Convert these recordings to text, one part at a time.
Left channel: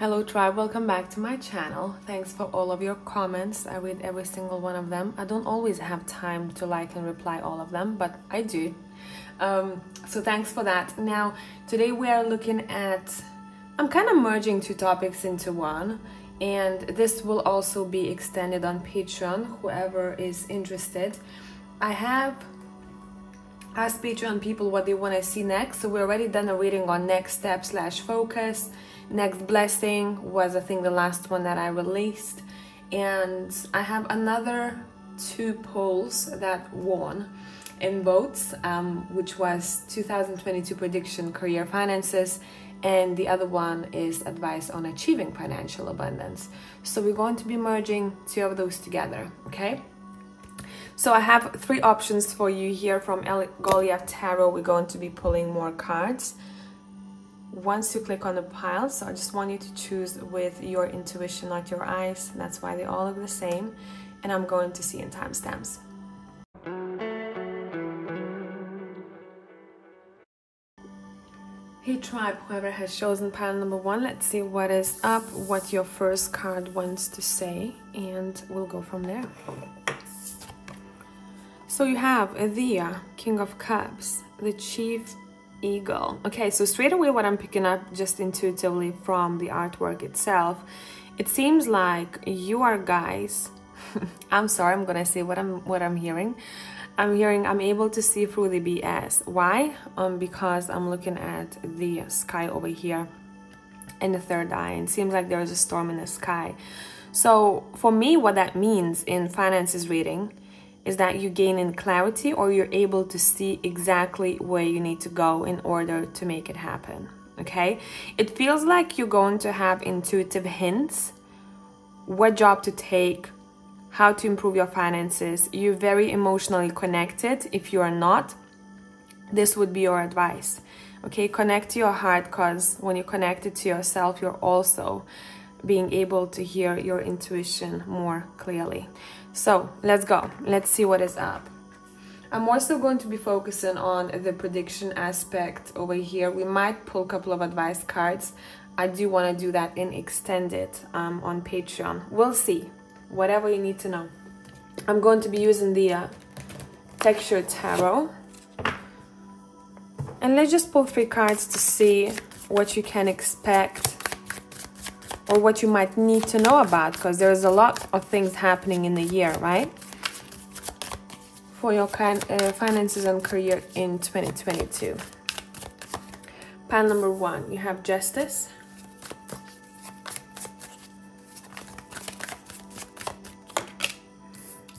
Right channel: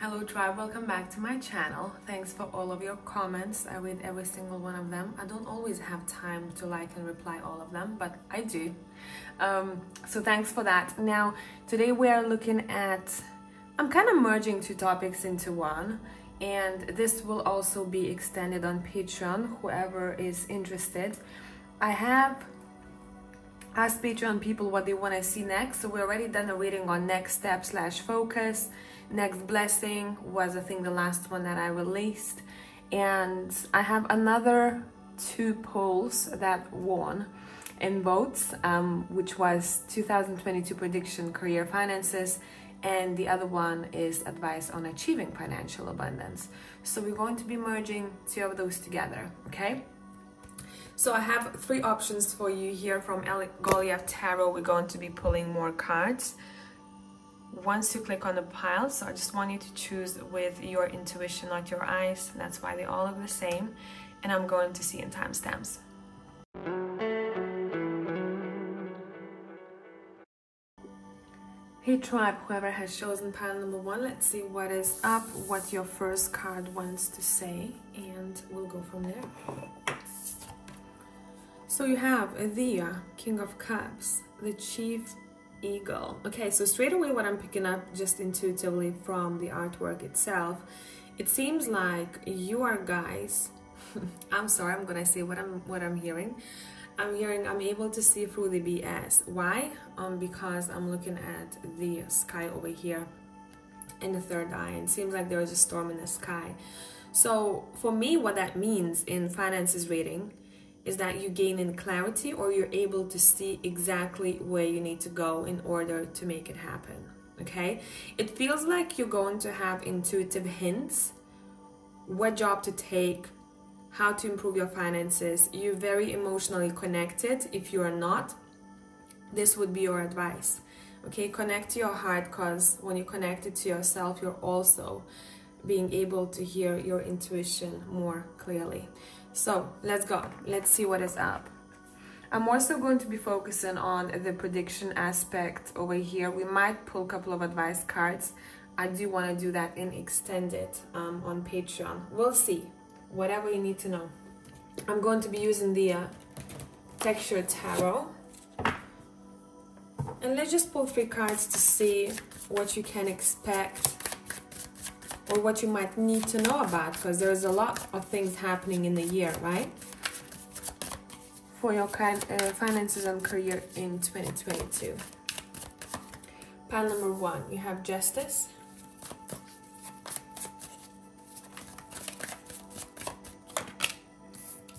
Hello tribe, welcome back to my channel. Thanks for all of your comments. I read every single one of them. I don't always have time to like and reply all of them, but I do. So thanks for that. Now, today we are looking at, I'm kind of merging two topics into one, and this will also be extended on Patreon, whoever is interested. I have asked Patreon people what they want to see next, so we already done a reading on next step / focus. Next blessing was, I think, the last one that I released, and I have another two polls that won in votes, which was 2022 prediction, career, finances, and the other one is advice on achieving financial abundance. So we're going to be merging two of those together, okay? So I have three options for you here from 𝒘𝒊𝒕𝒉 Tarot. We're going to be pulling more cards. Once you click on the pile, so I just want you to choose with your intuition, not your eyes. That's why they all look the same. And I'm going to see in timestamps. Hey tribe, whoever has chosen pile number one, let's see what is up, what your first card wants to say, and we'll go from there. So you have the King of Cups, the Chief Eagle. Okay, so straight away what I'm picking up just intuitively from the artwork itself, it seems like you are guys I'm sorry, I'm gonna say what I'm hearing. I'm able to see through the BS. Why? Because I'm looking at the sky over here in the third eye, and it seems like there's a storm in the sky. So for me, what that means in finances reading is that you gain in clarity, or you're able to see exactly where you need to go in order to make it happen, okay? It feels like you're going to have intuitive hints, what job to take, how to improve your finances. You're very emotionally connected. If you are not, this would be your advice, okay? Connect to your heart, because when you connect it to yourself, you're also being able to hear your intuition more clearly. So let's go. Let's see what is up. I'm also going to be focusing on the prediction aspect over here. We might pull a couple of advice cards. I do want to do that in extended on Patreon. We'll see. Whatever you need to know. I'm going to be using the Texture Tarot. And let's just pull three cards to see what you can expect, or what you might need to know about, because there's a lot of things happening in the year, right? For your finances and career in 2022. Pile number one, you have Justice.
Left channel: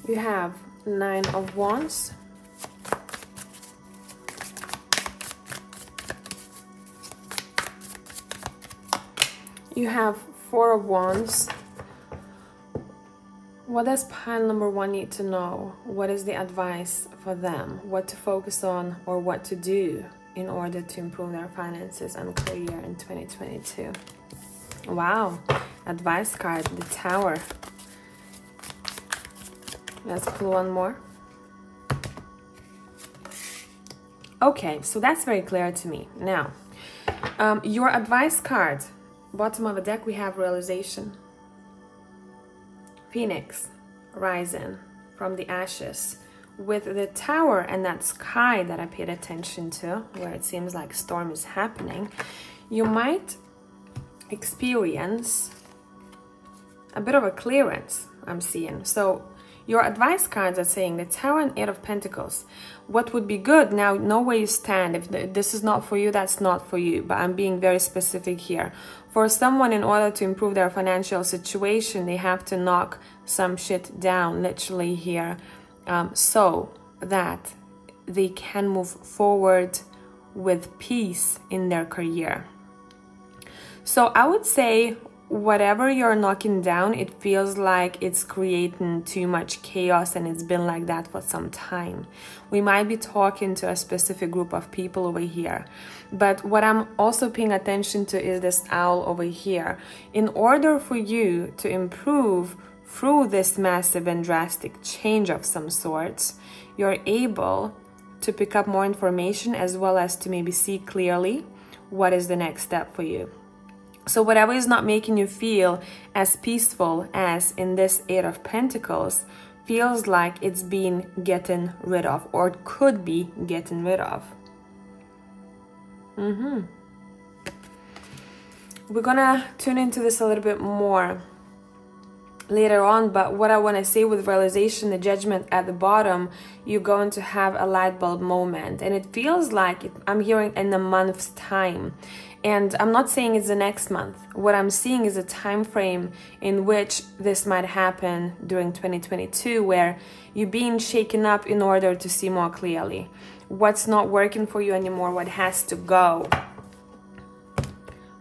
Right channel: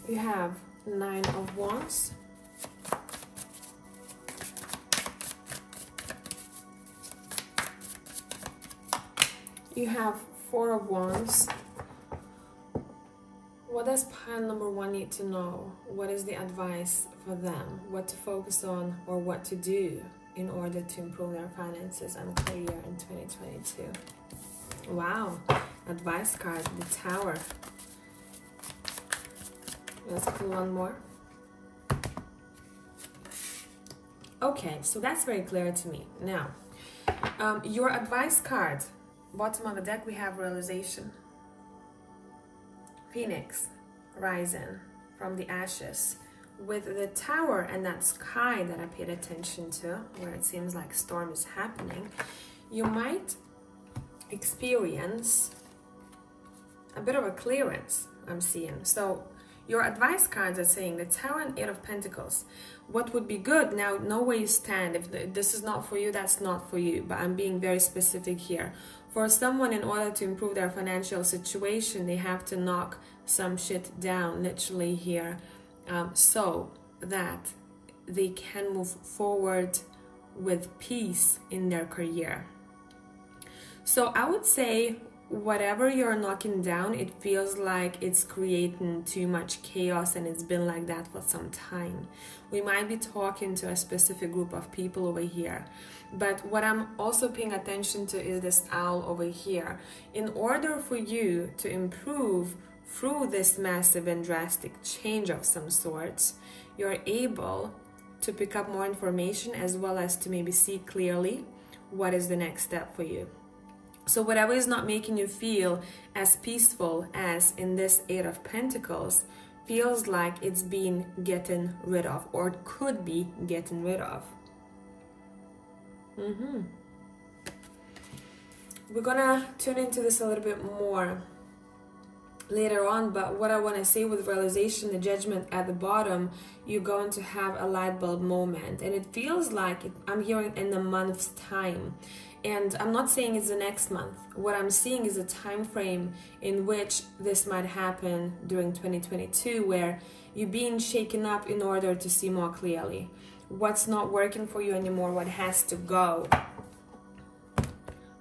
You have Nine of Wands. You have Four of Wands. What does pile number one need to know? What is the advice for them? What to focus on or what to do in order to improve their finances and career in 2022? Wow, advice card, the Tower. Let's pull one more. Okay, so that's very clear to me. Now, your advice card. Bottom of the deck, we have Realization, Phoenix, Rising from the Ashes, with the Tower and that sky that I paid attention to, where it seems like storm is happening. You might experience a bit of a clearance, I'm seeing. So your advice cards are saying the Tower and Eight of Pentacles. What would be good? Now, know where you stand. If this is not for you, that's not for you. But I'm being very specific here. For someone, in order to improve their financial situation, they have to knock some shit down, literally here, so that they can move forward with peace in their career. So I would say, whatever you're knocking down, it feels like it's creating too much chaos, and it's been like that for some time. We might be talking to a specific group of people over here, but what I'm also paying attention to is this owl over here. In order for you to improve through this massive and drastic change of some sorts, you're able to pick up more information, as well as to maybe see clearly what is the next step for you. So whatever is not making you feel as peaceful as in this Eight of Pentacles feels like it's being gotten rid of, or could be getting rid of. We're gonna tune into this a little bit more later on, but what I want to say with realization, the Judgment at the bottom, you're going to have a light bulb moment, and it feels like I'm hearing in a month's time. And I'm not saying it's the next month. What I'm seeing is a time frame in which this might happen during 2022, where you're being shaken up in order to see more clearly what's not working for you anymore, what has to go.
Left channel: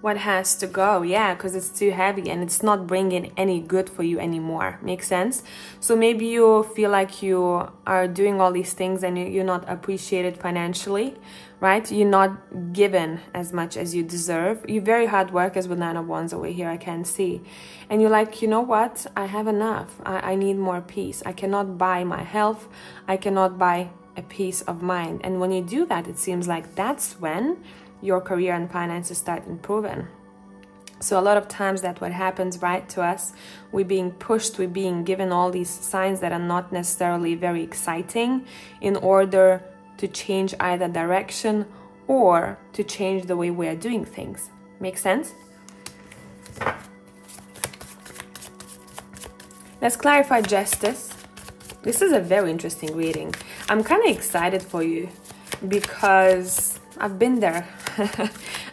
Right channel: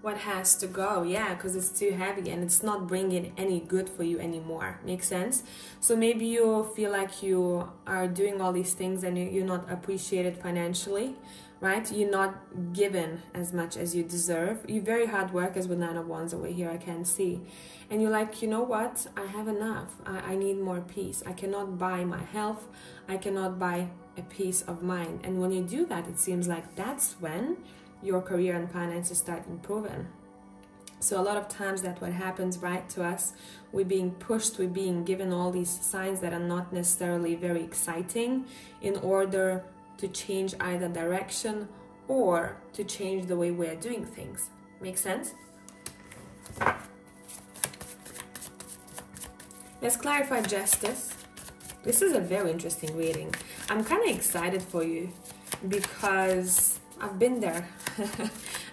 What has to go, yeah, because it's too heavy and it's not bringing any good for you anymore. Makes sense? So maybe you feel like you are doing all these things and you're not appreciated financially, right? You're not given as much as you deserve. You're very hard workers with Nine of Wands over here, I can see. And you're like, you know what? I have enough. I need more peace. I cannot buy my health. I cannot buy a peace of mind. And when you do that, it seems like that's when your career and finances start improving. So a lot of times that's what happens, right, to us. We're being pushed, we're being given all these signs that are not necessarily very exciting in order to change either direction or to change the way we are doing things. Make sense? Let's clarify Justice. This is a very interesting reading. I'm kind of excited for you because I've been there.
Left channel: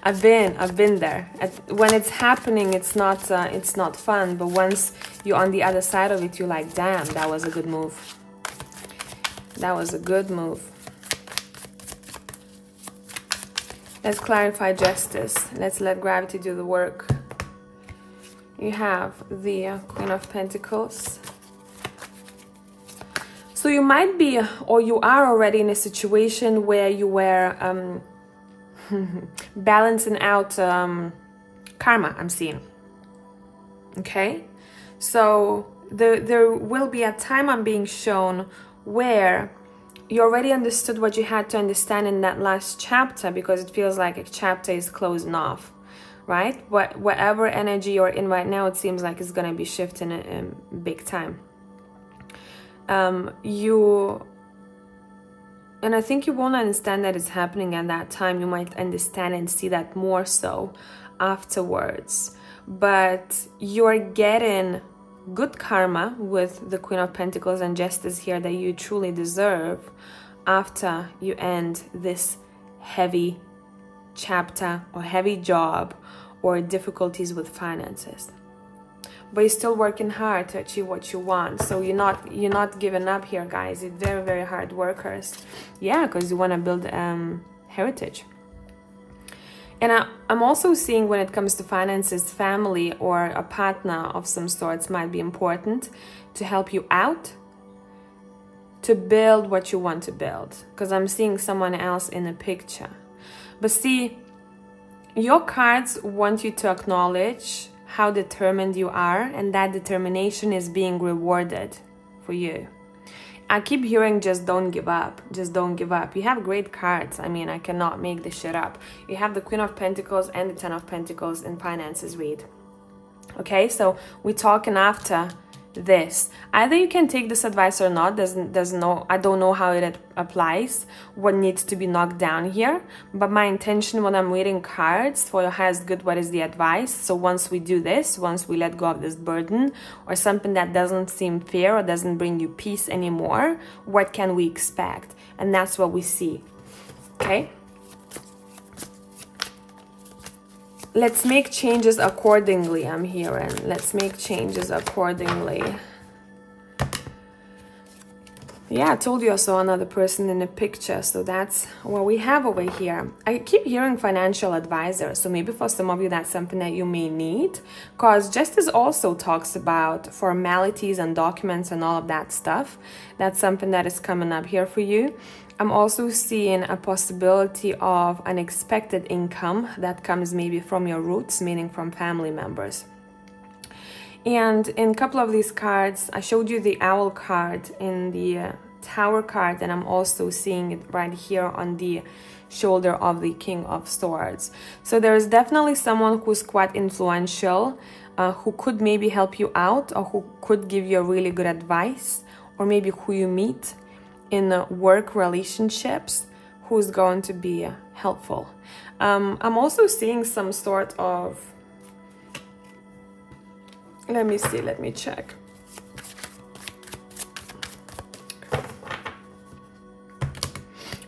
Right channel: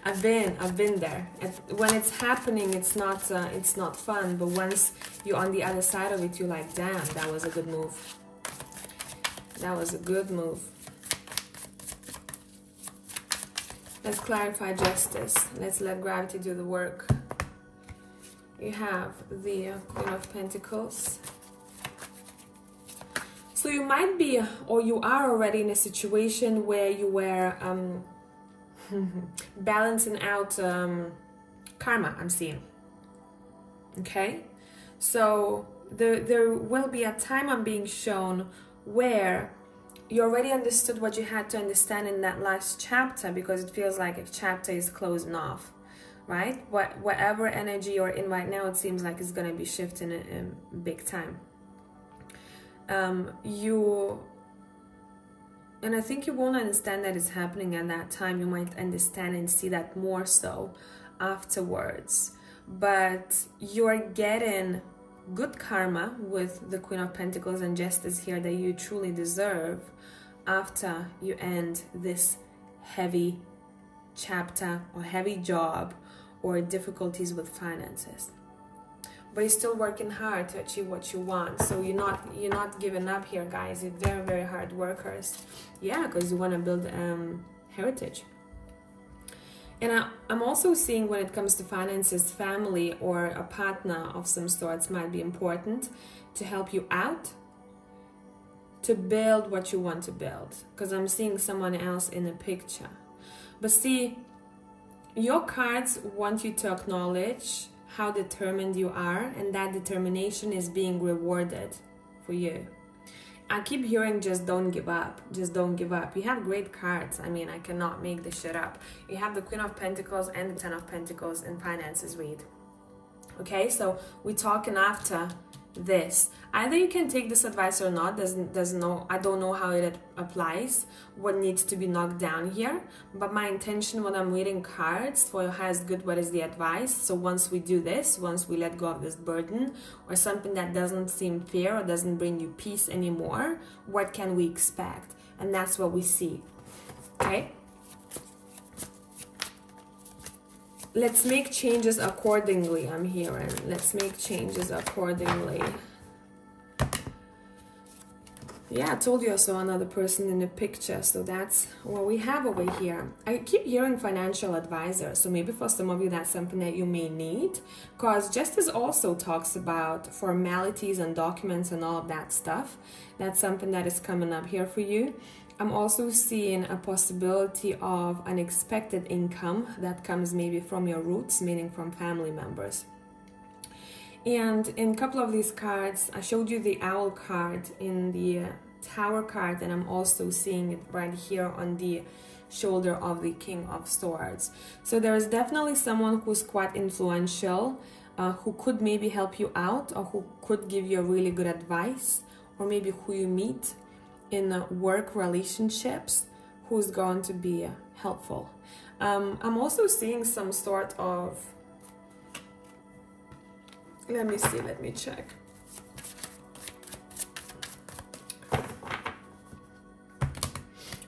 I've been there. When it's happening, it's not fun. But once you're on the other side of it, you're like, damn, that was a good move. That was a good move. Let's clarify Justice. Let's let gravity do the work. You have the Queen of Pentacles. So you might be, or you are already in a situation where you were balancing out karma, I'm seeing. Okay? So there will be a time I'm being shown where you already understood what you had to understand in that last chapter, because it feels like a chapter is closing off, right? Whatever energy you're in right now, it seems like it's going to be shifting in big time. And I think you won't understand that it's happening at that time. You might understand and see that more so afterwards. But you're getting good karma with the Queen of Pentacles and Justice here that you truly deserve after you end this heavy chapter or heavy job or difficulties with finances. But you're still working hard to achieve what you want. So you're not giving up here, guys. You're very, very hard workers. Yeah, because you want to build heritage. And I'm also seeing when it comes to finances, family or a partner of some sorts might be important to help you out, to build what you want to build. Because I'm seeing someone else in the picture. But see, your cards want you to acknowledge how determined you are, and that determination is being rewarded for you. I keep hearing just don't give up, just don't give up. You have great cards. I mean, I cannot make this shit up. You have the Queen of Pentacles and the Ten of Pentacles in finances read. Okay, so we're talking after this. Either you can take this advice or not. I don't know how it applies, what needs to be knocked down here, but my intention when I'm reading cards for your highest good, what is the advice? So once we do this, once we let go of this burden or something that doesn't seem fair or doesn't bring you peace anymore, what can we expect? And that's what we see. Okay, let's make changes accordingly, I'm hearing. Let's make changes accordingly. Yeah, I told you I saw another person in the picture, so that's what we have over here. I keep hearing financial advisor, so maybe for some of you that's something that you may need, because Justice also talks about formalities and documents and all of that stuff. That's something that is coming up here for you. I'm also seeing a possibility of unexpected income that comes maybe from your roots, meaning from family members. And in a couple of these cards, I showed you the owl card in the tower card, and I'm also seeing it right here on the shoulder of the King of Swords. So there is definitely someone who's quite influential, who could maybe help you out, or who could give you a really good advice, or maybe who you meet in work relationships, who's going to be helpful. I'm also seeing some sort of, let me see, let me check.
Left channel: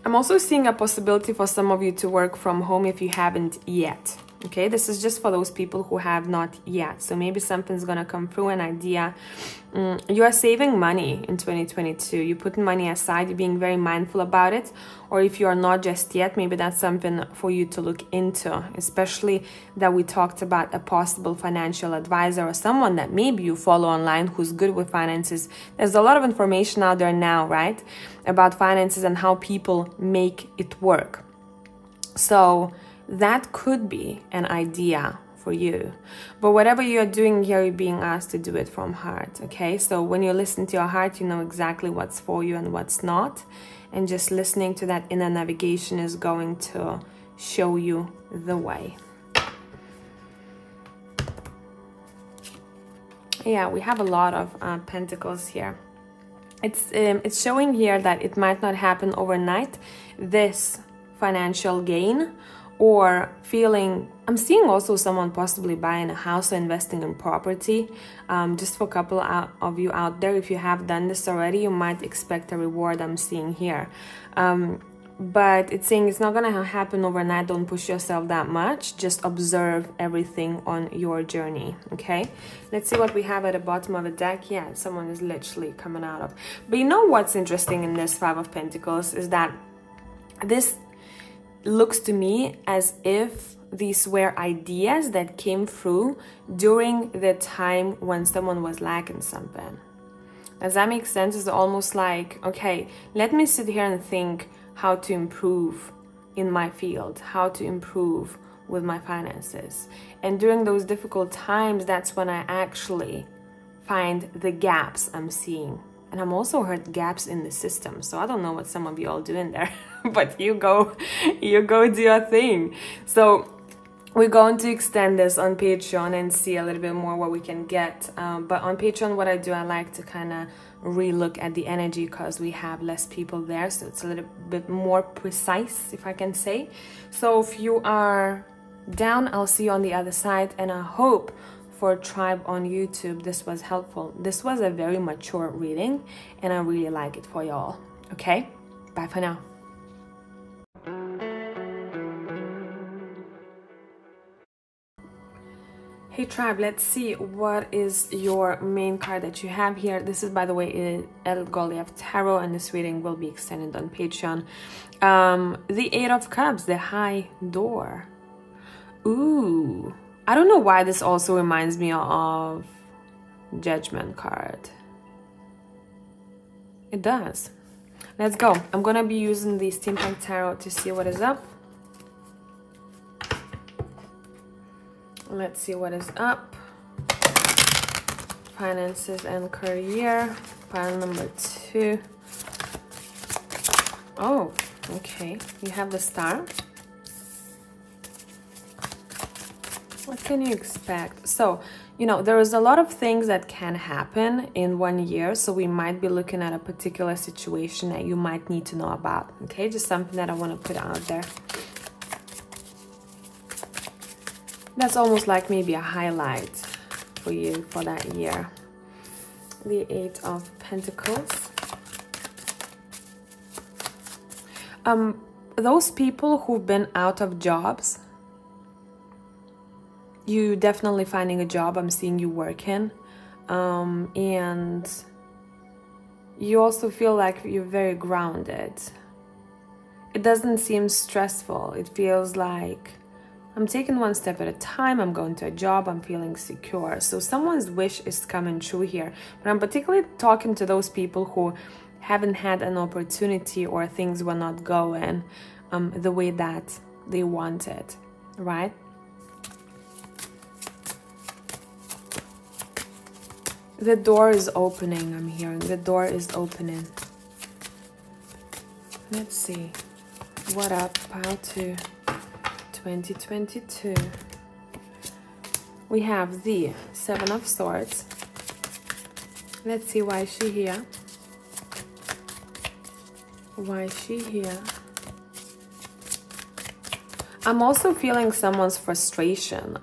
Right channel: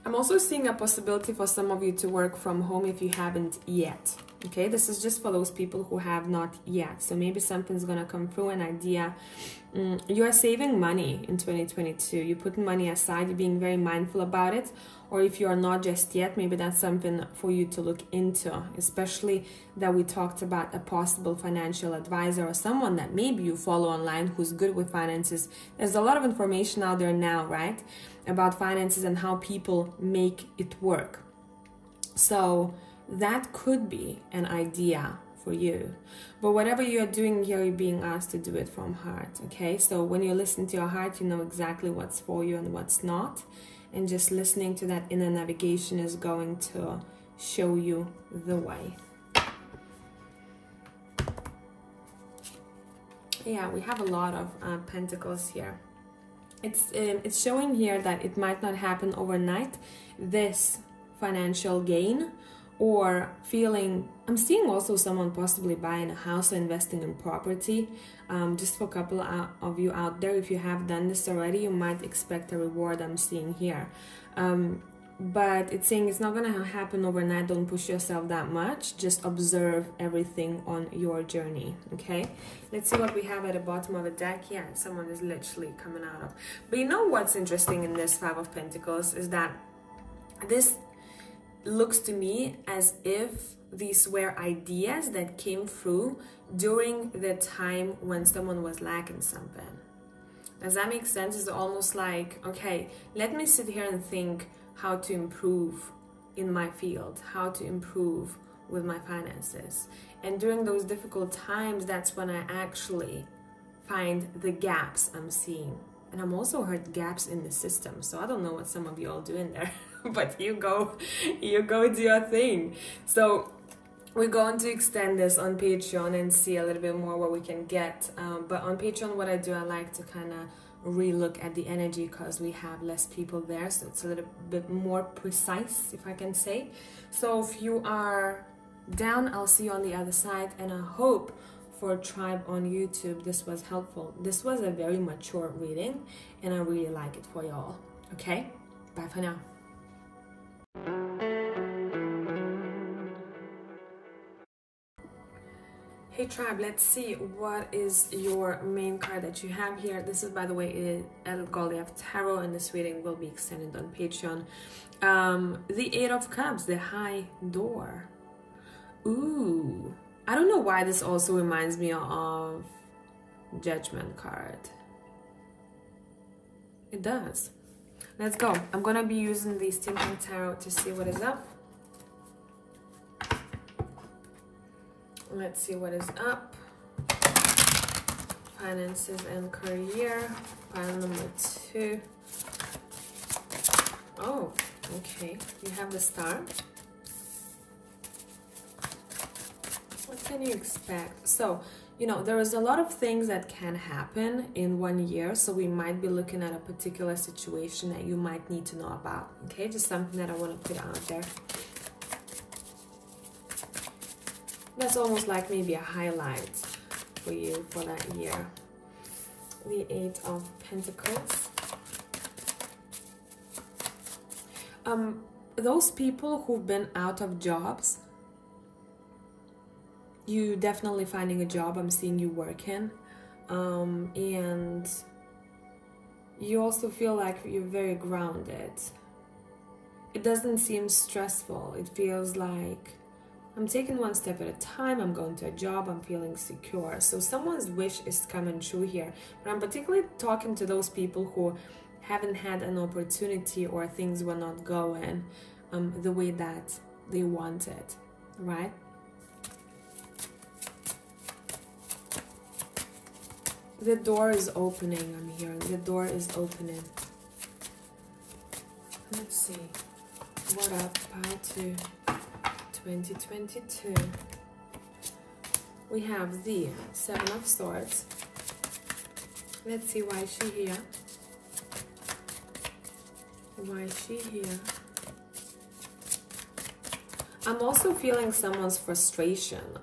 I'm also seeing a possibility for some of you to work from home if you haven't yet. Okay, this is just for those people who have not yet. So maybe something's gonna come through, an idea. You are saving money in 2022. You're putting money aside, you're being very mindful about it. Or if you are not just yet, maybe that's something for you to look into, especially that we talked about a possible financial advisor or someone that maybe you follow online who's good with finances. There's a lot of information out there now, right, about finances and how people make it work. So that could be an idea for you. But whatever you're doing here, you're being asked to do it from heart, okay? So when you listen to your heart, you know exactly what's for you and what's not. And just listening to that inner navigation is going to show you the way. Yeah, we have a lot of pentacles here. It's showing here that it might not happen overnight, this financial gain, or feeling, I'm seeing also someone possibly buying a house or investing in property. Just for a couple of you out there, if you have done this already, you might expect a reward, I'm seeing here. But it's saying it's not gonna happen overnight. Don't push yourself that much. Just observe everything on your journey, okay? Let's see what we have at the bottom of the deck. Yeah, someone is literally coming out of. But you know what's interesting in this Five of Pentacles is that this looks to me as if these were ideas that came through during the time when someone was lacking something. Does that make sense? It's almost like, okay, let me sit here and think how to improve in my field, how to improve with my finances. And during those difficult times, that's when I actually find the gaps I'm seeing. And I'm also heard gaps in the system. So I don't know what some of you all doing there, but you go do your thing. So we're going to extend this on Patreon and see a little bit more what we can get. But on Patreon, what I do, I like to kind of re-look at the energy because we have less people there. So it's a little bit more precise, if I can say. So if you are down, I'll see you on the other side. And I hope for Tribe on YouTube, this was helpful. This was a very mature reading and I really like it for y'all. Okay, bye for now. Hey Tribe, let's see what is your main card that you have here. This is, by the way, 𝒘𝒊𝒕𝒉 Tarot, and this reading will be extended on Patreon. The Eight of Cups, the High Door. Ooh, I don't know why this also reminds me of Judgment card. It does. Let's go. I'm gonna be using the Steampunk Tarot to see what is up. Let's see what is up. Finances and career. Pile number 2. Oh, okay. You have the Star. What can you expect? So, you know, there is a lot of things that can happen in 1 year. So we might be looking at a particular situation that you might need to know about. Okay, just something that I want to put out there. That's almost like maybe a highlight for you for that year. The Eight of Pentacles. Those people who've been out of jobs, you definitely finding a job. I'm seeing you working. And you also feel like you're very grounded. It doesn't seem stressful. It feels like I'm taking one step at a time. I'm going to a job. I'm feeling secure. So someone's wish is coming true here. But I'm particularly talking to those people who haven't had an opportunity or things were not going the way that they wanted, right? The door is opening, I'm hearing. The door is opening. Let's see. What up, pile 2, 2022. We have the 7 of Swords. Let's see why is she here. Why is she here? I'm also feeling someone's frustration.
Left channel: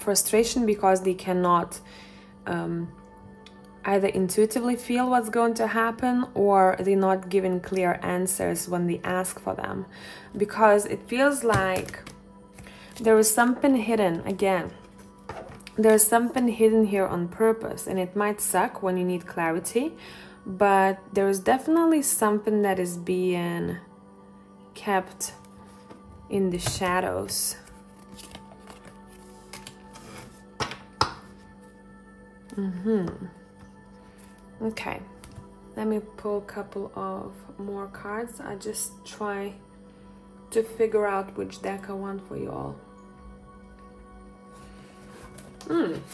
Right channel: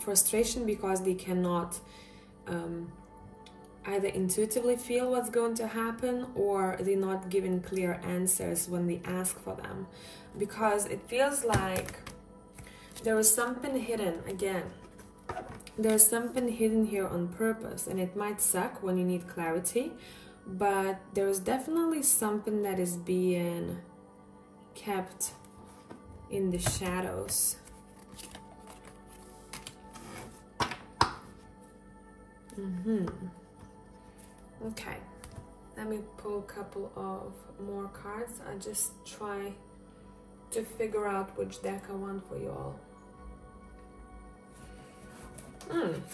Frustration because they cannot either intuitively feel what's going to happen, or they're not given clear answers when they ask for them. Because it feels like there is something hidden again. There's something hidden here on purpose, and it might suck when you need clarity, but there is definitely something that is being kept in the shadows. Okay, let me pull a couple of more cards. I just try to figure out which deck I want for you all.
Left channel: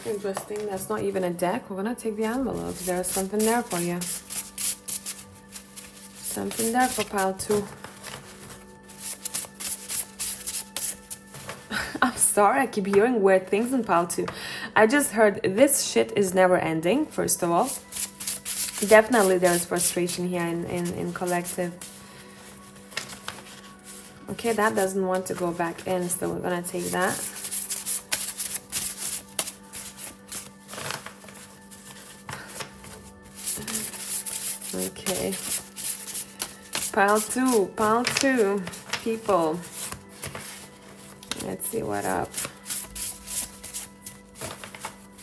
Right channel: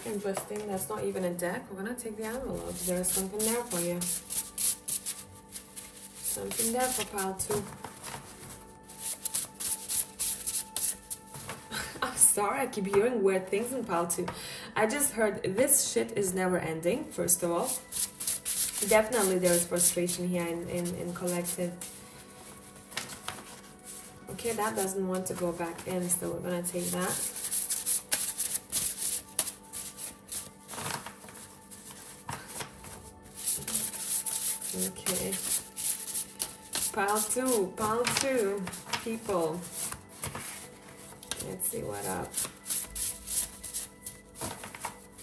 Interesting. That's not even a deck. We're gonna take the envelopes. There's something there for you. Something there for pile 2. I'm sorry, I keep hearing weird things in pile 2. I just heard this shit is never ending, first of all. Definitely there's frustration here in collective. Okay, that doesn't want to go back in, so we're gonna take that. Okay. Pile 2, people. Let's see what up.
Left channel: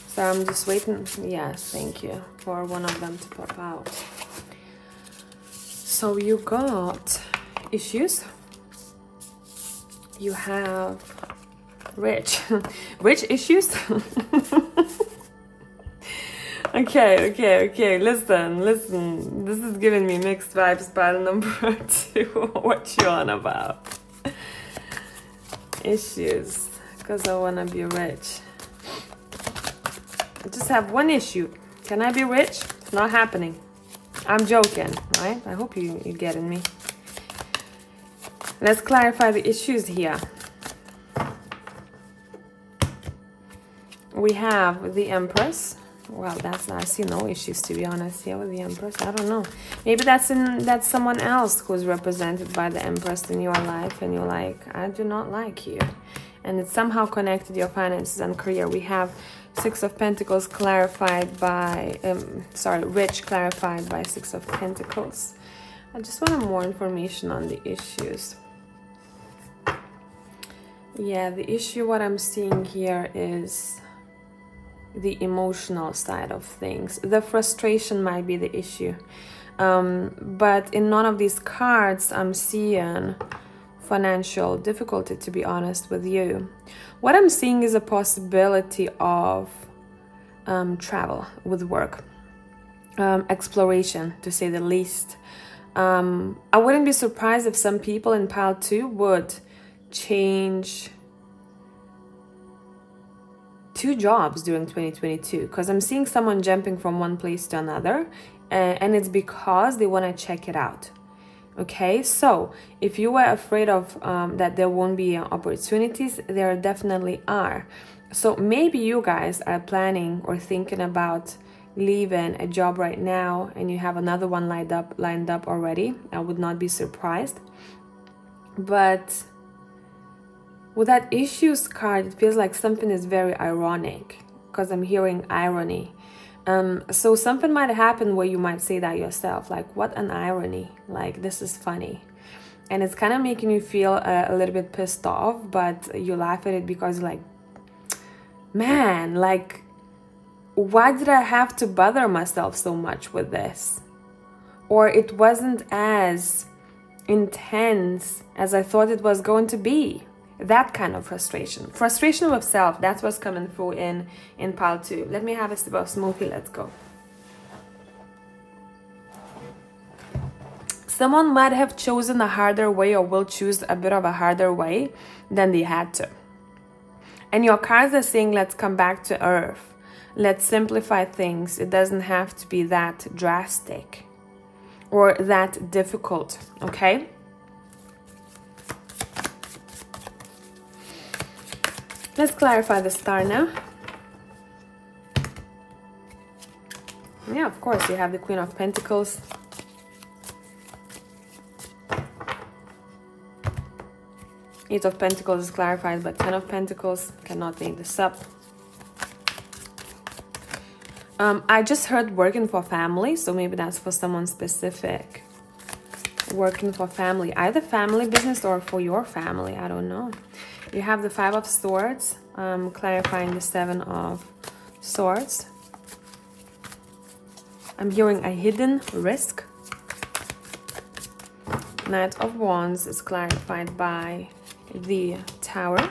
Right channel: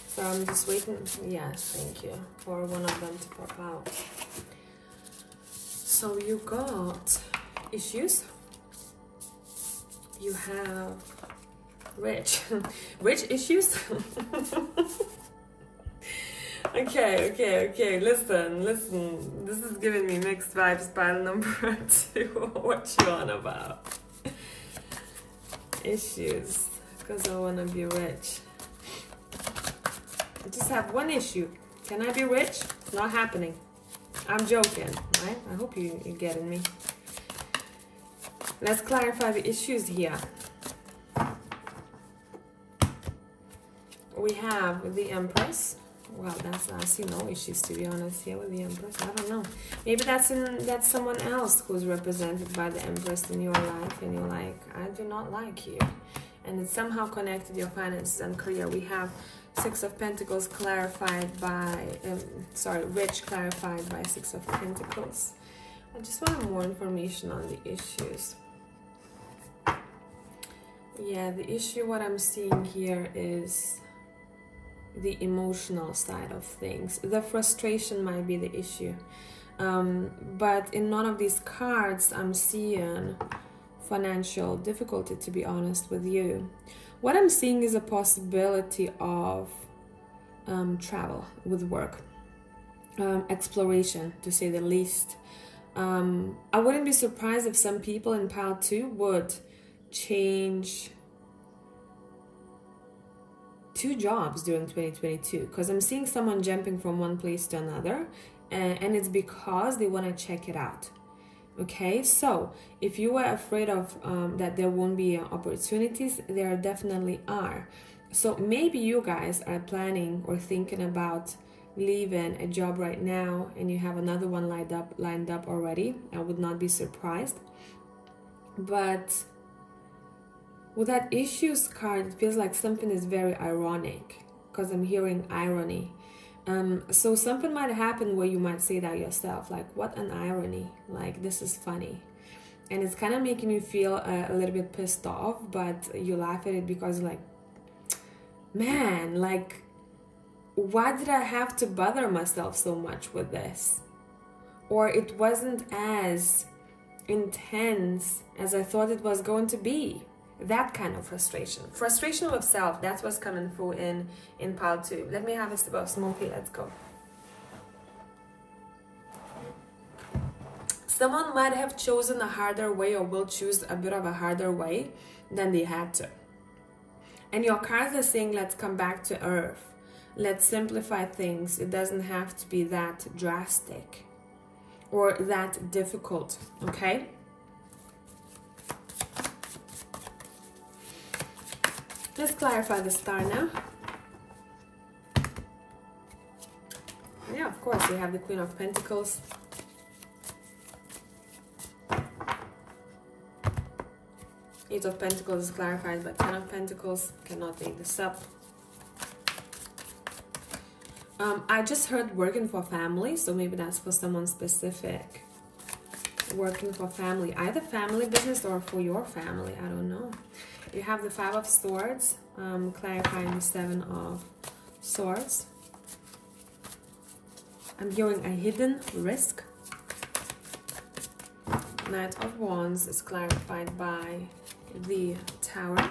So I'm just waiting. Yes, thank you, for one of them to pop out. So you got issues. You have rich issues. Okay. Listen. This is giving me mixed vibes. Pile number 2. What you on about? Issues, because I want to be rich. I just have one issue. Can I be rich? Not happening. I'm joking, right? I hope you're getting me. Let's clarify the issues here. We have the Empress. Well, I see no issues, to be honest, here with the Empress. I don't know. Maybe that's someone else who's represented by the Empress in your life, and you're like, I do not like you. And it's somehow connected to your finances and career. We have 6 of Pentacles clarified by, rich clarified by 6 of Pentacles. I just want more information on the issues. Yeah, the issue, what I'm seeing here is the emotional side of things. The frustration might be the issue. But in none of these cards, I'm seeing financial difficulty, to be honest with you. What I'm seeing is a possibility of travel with work. Exploration, to say the least. I wouldn't be surprised if some people in pile 2 would change 2 jobs during 2022, because I'm seeing someone jumping from one place to another, and it's because they want to check it out. Okay, so if you were afraid of that there won't be opportunities, there definitely are. So maybe you guys are planning or thinking about leaving a job right now, and you have another one lined up already. I would not be surprised. But with that issues card, it feels like something is very ironic, because I'm hearing irony. So something might happen where you might say that yourself, like, what an irony, like, this is funny. And it's kind of making you feel a little bit pissed off, but you laugh at it because, like, man, like, why did I have to bother myself so much with this? Or it wasn't as intense as I thought it was going to be. That kind of frustration with self, that's what's coming through in pile 2. Let me have a sip of smoothie. Let's go. Someone might have chosen a harder way, or will choose a bit of a harder way than they had to. And your cards are saying, let's come back to earth. Let's simplify things. It doesn't have to be that drastic or that difficult, okay? Let's clarify the star now. Yeah, of course, you have the Queen of Pentacles. Eight of Pentacles is clarified, but Ten of Pentacles, cannot make this up. I just heard working for family, so maybe that's for someone specific. Working for family, either family business or for your family, I don't know. You have the Five of Swords, clarifying the Seven of Swords. I'm hearing a hidden risk. Knight of Wands is clarified by the Tower.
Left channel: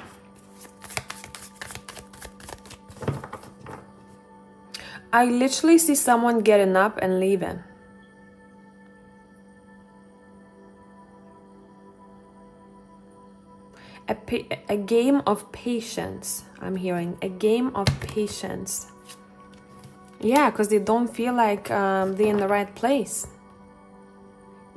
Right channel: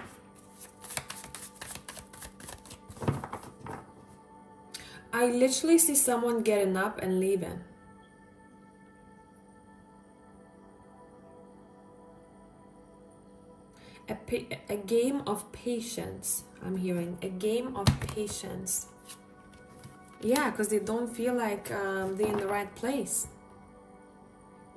I literally see someone getting up and leaving. A game of patience. I'm hearing a game of patience. Yeah, because they don't feel like they're in the right place.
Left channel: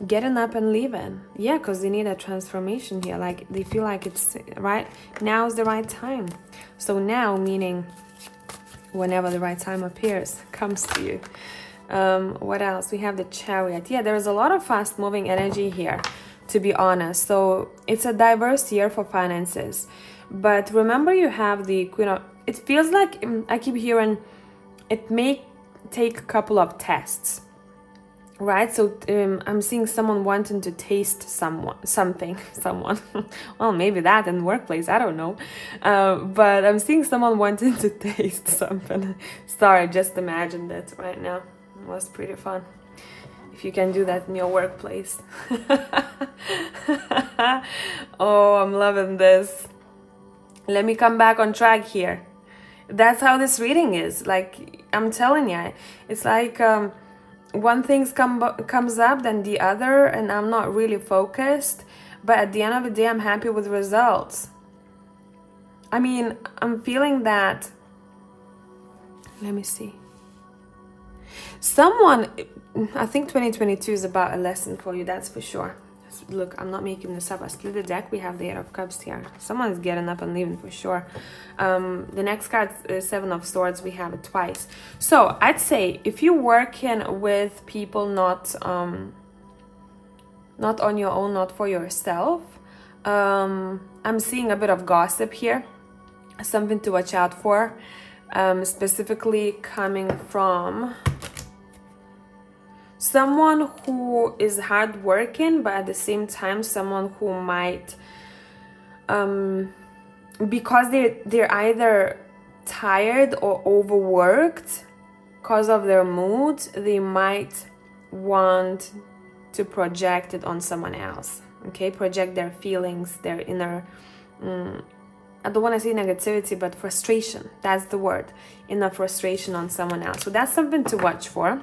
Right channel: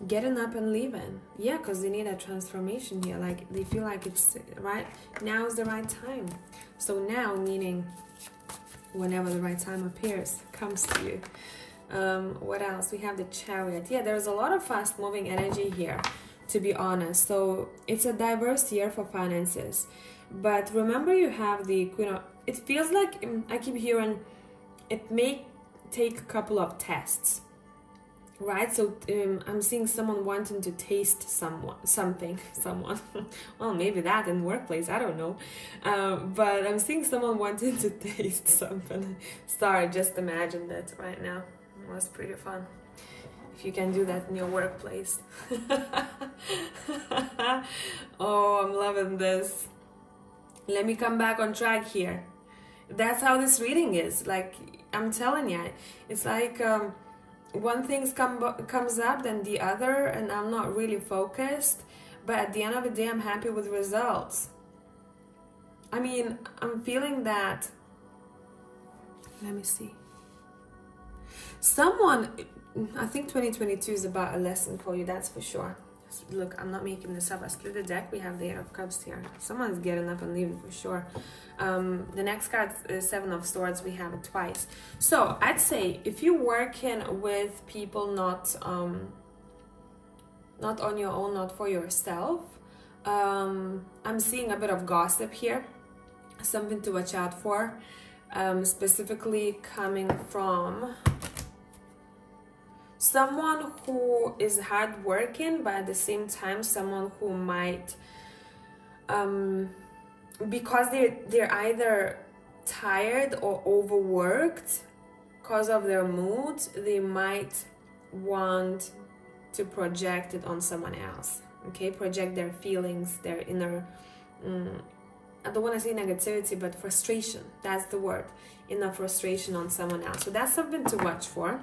Getting up and leaving. Yeah, because they need a transformation here. Like they feel like it's right now is the right time. So now meaning whenever the right time comes to you. What else? We have the Chariot. Yeah, there's a lot of fast moving energy here, to be honest. So it's a diverse year for finances. But remember, you have the Queen of... It feels like I keep hearing it may take a couple of tests, right? So I'm seeing someone wanting to taste something. Well, maybe that in the workplace, I don't know. But I'm seeing someone wanting to taste something. Sorry, just imagined it right now. It was pretty fun. If you can do that in your workplace. Oh, I'm loving this. Let me come back on track here. That's how this reading is. Like, I'm telling you, it's like one thing comes up, then the other, and I'm not really focused. But at the end of the day, I'm happy with results. I mean, I'm feeling that. Let me see. Someone, I think 2022 is about a lesson for you, that's for sure. Look, I'm not making this up. I split the deck. We have the Eight of Cups here. Someone is getting up and leaving for sure. The next card is Seven of Swords. We have it twice. So I'd say if you're working with people not on your own, not for yourself, I'm seeing a bit of gossip here. Something to watch out for. Specifically coming from someone who is hardworking, but at the same time, someone who might, because they're either tired or overworked because of their mood, they might want to project it on someone else. Okay, project their feelings, their inner. I don't want to say negativity, but frustration. That's the word. Inner frustration on someone else. So that's something to watch for.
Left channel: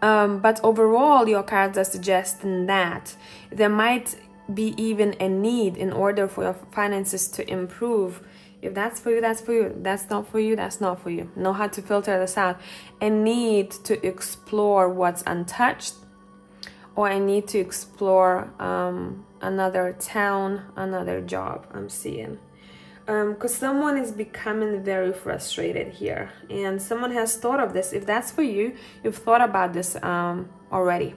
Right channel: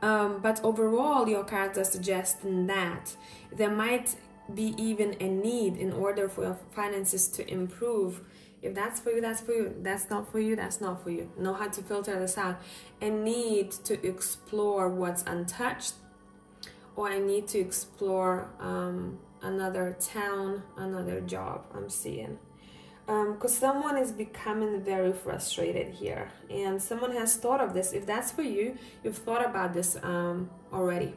But overall, your cards are suggesting that there might be even a need in order for your finances to improve. If that's for you, that's for you. That's not for you, that's not for you. Know how to filter this out. A need to explore what's untouched, or a need to explore another town, another job, I'm seeing. Because someone is becoming very frustrated here, and someone has thought of this. If that's for you, you've thought about this already.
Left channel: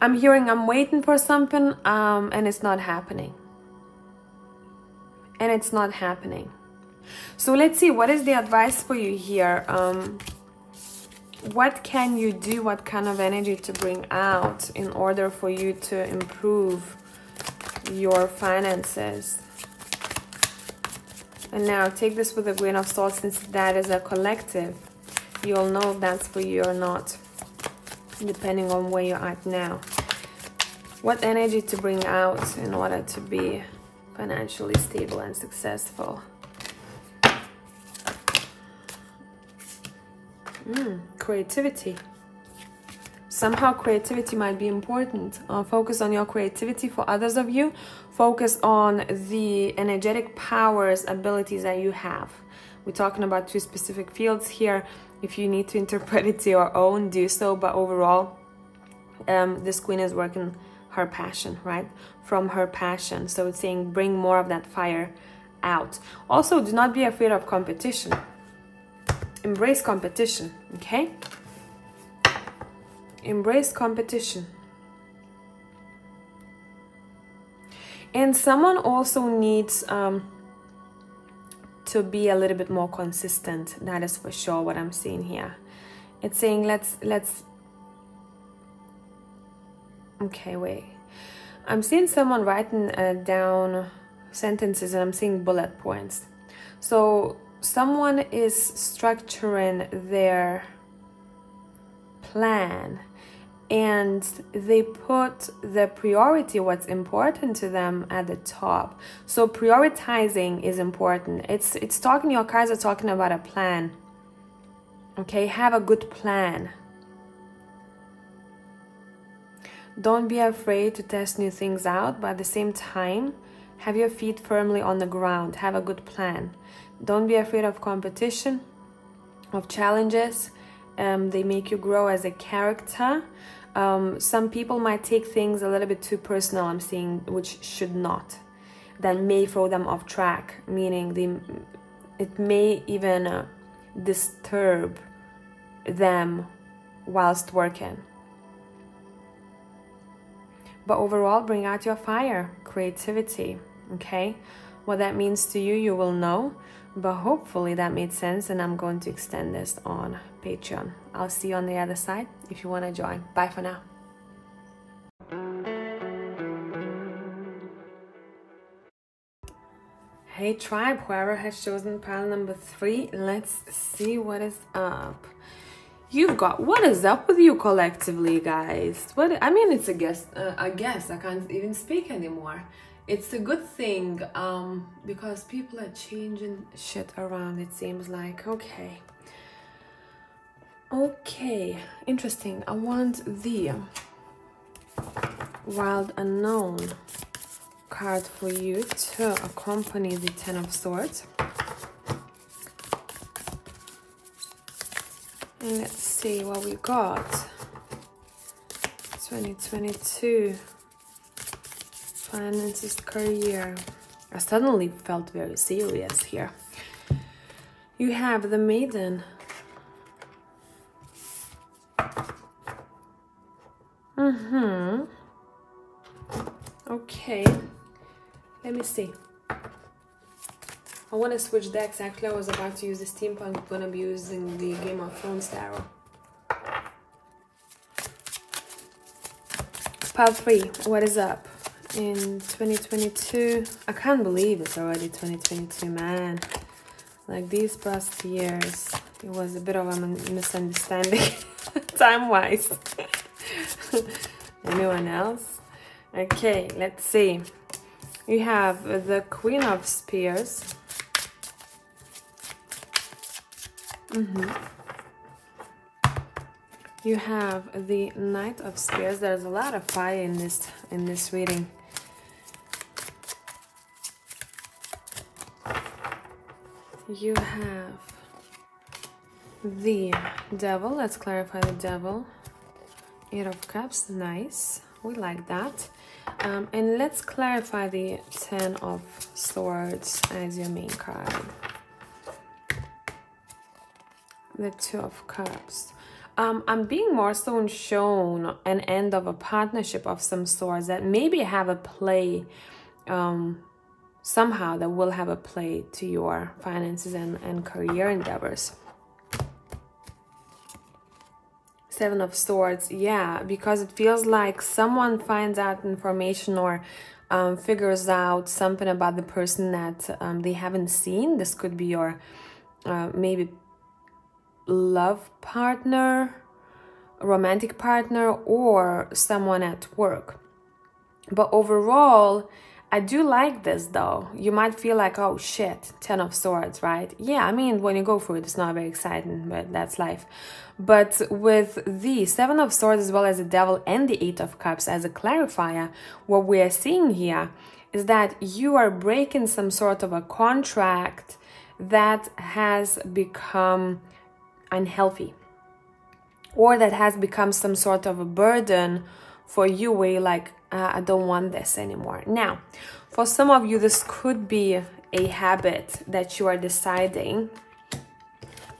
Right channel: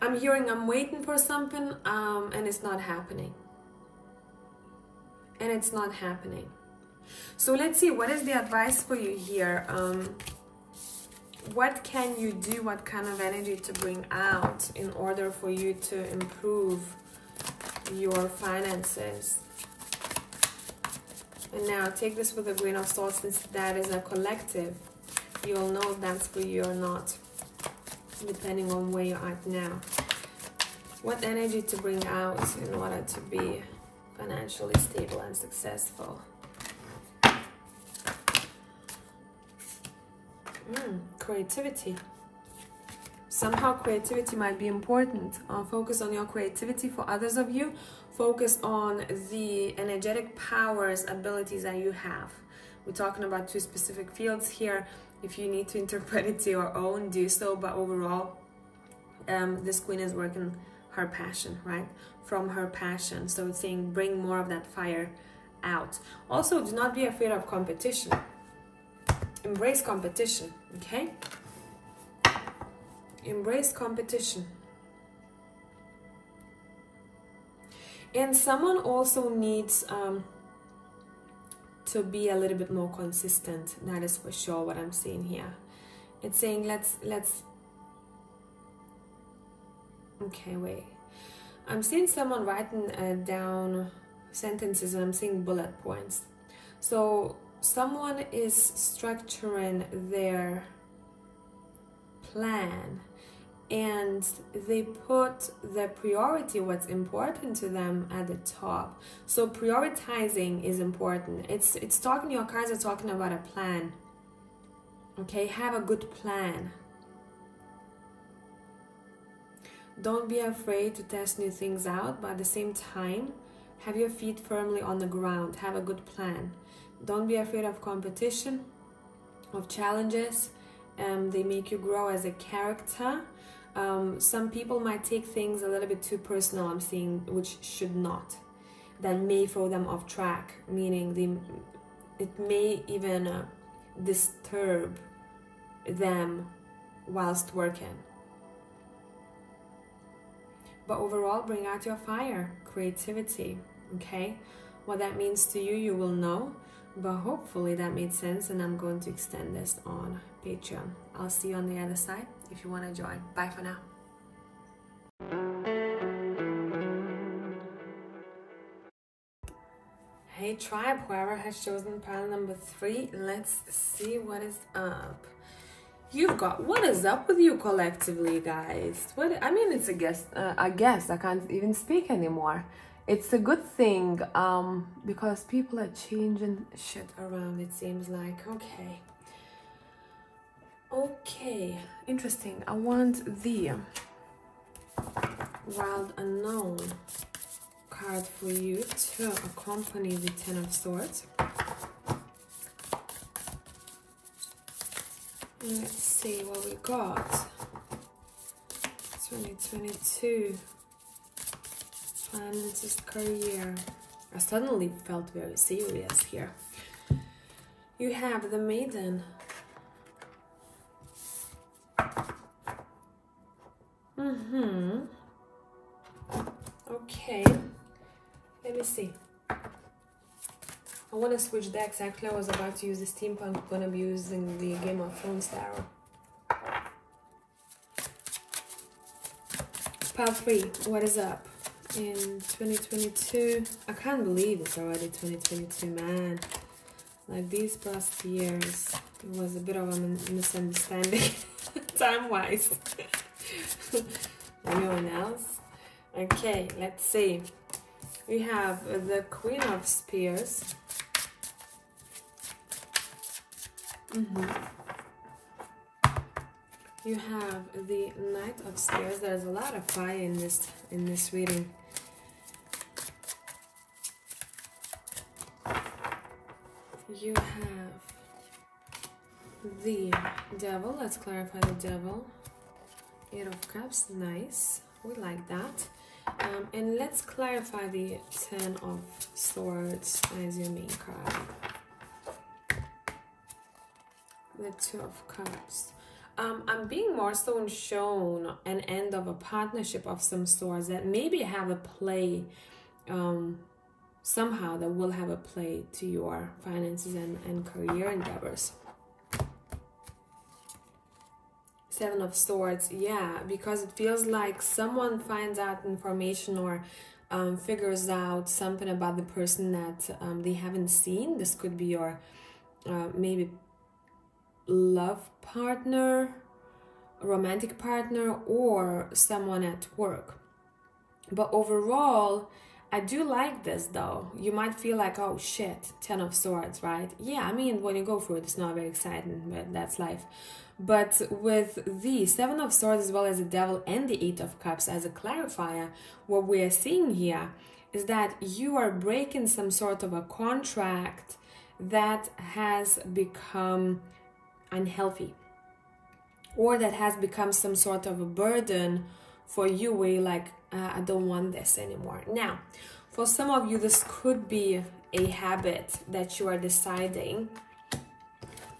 I'm hearing I'm waiting for something, and it's not happening. And it's not happening. So let's see, what is the advice for you here? What can you do? What kind of energy to bring out in order for you to improve your finances? And now take this with a grain of salt, since that is a collective. You'll know if that's for you or not, depending on where you're at now. What energy to bring out in order to be financially stable and successful? Creativity. Somehow creativity might be important. Focus on your creativity. For others of you, focus on the energetic powers, abilities that you have. We're talking about two specific fields here. If you need to interpret it to your own, do so. But overall, this queen is working her passion, right? From her passion. So it's saying bring more of that fire out. Also, do not be afraid of competition. Embrace competition, okay? Embrace competition. And someone also needs to be a little bit more consistent. That is for sure what I'm seeing here. It's saying let's okay, wait. I'm seeing someone writing down sentences, and I'm seeing bullet points. So someone is structuring their plan, and they put the priority, what's important to them, at the top. So prioritizing is important. It's talking, your cards are talking about a plan. Okay, have a good plan. Don't be afraid to test new things out, but at the same time, have your feet firmly on the ground. Have a good plan. Don't be afraid of competition, of challenges. They make you grow as a character. Some people might take things a little bit too personal, I'm seeing, which should not. That may throw them off track, meaning it may even disturb them whilst working. But overall, bring out your fire, creativity, okay? What that means to you, you will know. But hopefully that made sense, and I'm going to extend this on Patreon. I'll see you on the other side if you want to join. Bye for now. Hey tribe, whoever has chosen pile number 3, let's see what is up. You've got, what is up with you collectively, guys? What, I mean, it's a guess. I guess I can't even speak anymore. It's a good thing, because people are changing shit around, it seems like. Okay, interesting. I want the Wild Unknown card for you to accompany the Ten of Swords. And let's see what we got. 2022. Finances, career. I suddenly felt very serious here. You have the Maiden. Okay. Let me see. I want to switch decks. Actually, I was about to use the steampunk. I'm going to be using the Game of Thrones tarot. Pile 3. What is up? In 2022, I can't believe it's already 2022, man. Like these past years, it was a bit of a misunderstanding time-wise. Anyone else? Okay, let's see. We have the Queen of Spears. You have the Knight of Spears. There's a lot of fire in this reading. You have the Devil. Let's clarify the Devil. 8 of Cups. Nice. We like that. And let's clarify the 10 of Swords as your main card. The 2 of Cups. I'm being more so shown an end of a partnership of some sorts that maybe have a play, somehow that will have a play to your finances and career endeavors. 7 of Swords, yeah, because it feels like someone finds out information or figures out something about the person that they haven't seen. This could be your maybe love partner, romantic partner, or someone at work. But overall, I do like this though. You might feel like, oh shit, 10 of Swords, right? Yeah, I mean, when you go through it, it's not very exciting, but that's life. But with the 7 of Swords as well as the Devil and the 8 of Cups as a clarifier, what we are seeing here is that you are breaking some sort of a contract that has become unhealthy, or that has become some sort of a burden for you, where you're like, I don't want this anymore. Now, for some of you, this could be a habit that you are deciding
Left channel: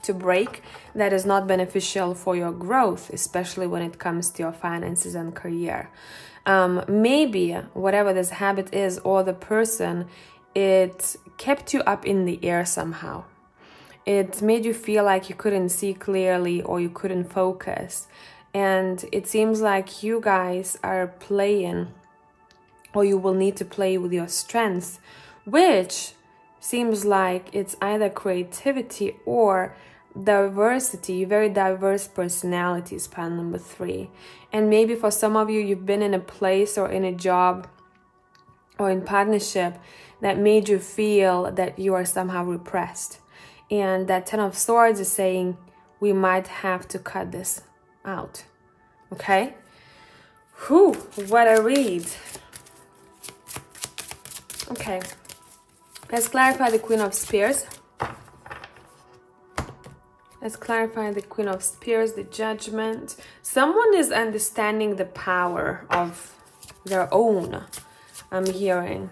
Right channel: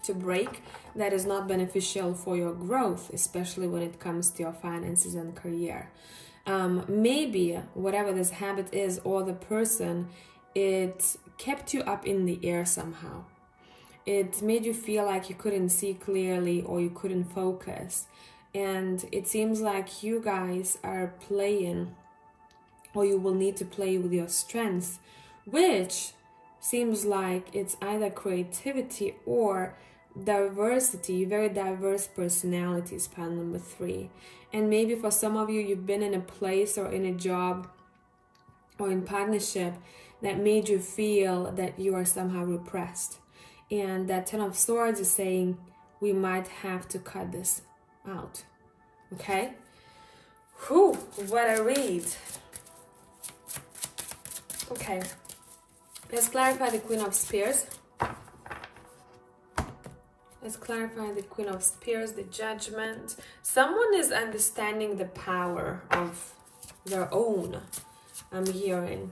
to break that is not beneficial for your growth, especially when it comes to your finances and career. Maybe whatever this habit is, or the person, it kept you up in the air somehow. It made you feel like you couldn't see clearly, or you couldn't focus. And it seems like you guys are playing, or you will need to play with your strengths, which seems like it's either creativity or diversity, very diverse personalities, pile number 3. And maybe for some of you, you've been in a place or in a job or in partnership that made you feel that you are somehow repressed. And that 10 of Swords is saying we might have to cut this out. Okay? Whew, what a read. Okay. Let's clarify the Queen of Spears. Let's clarify the Queen of Spears, the Judgment. Someone is understanding the power of their own, I'm hearing.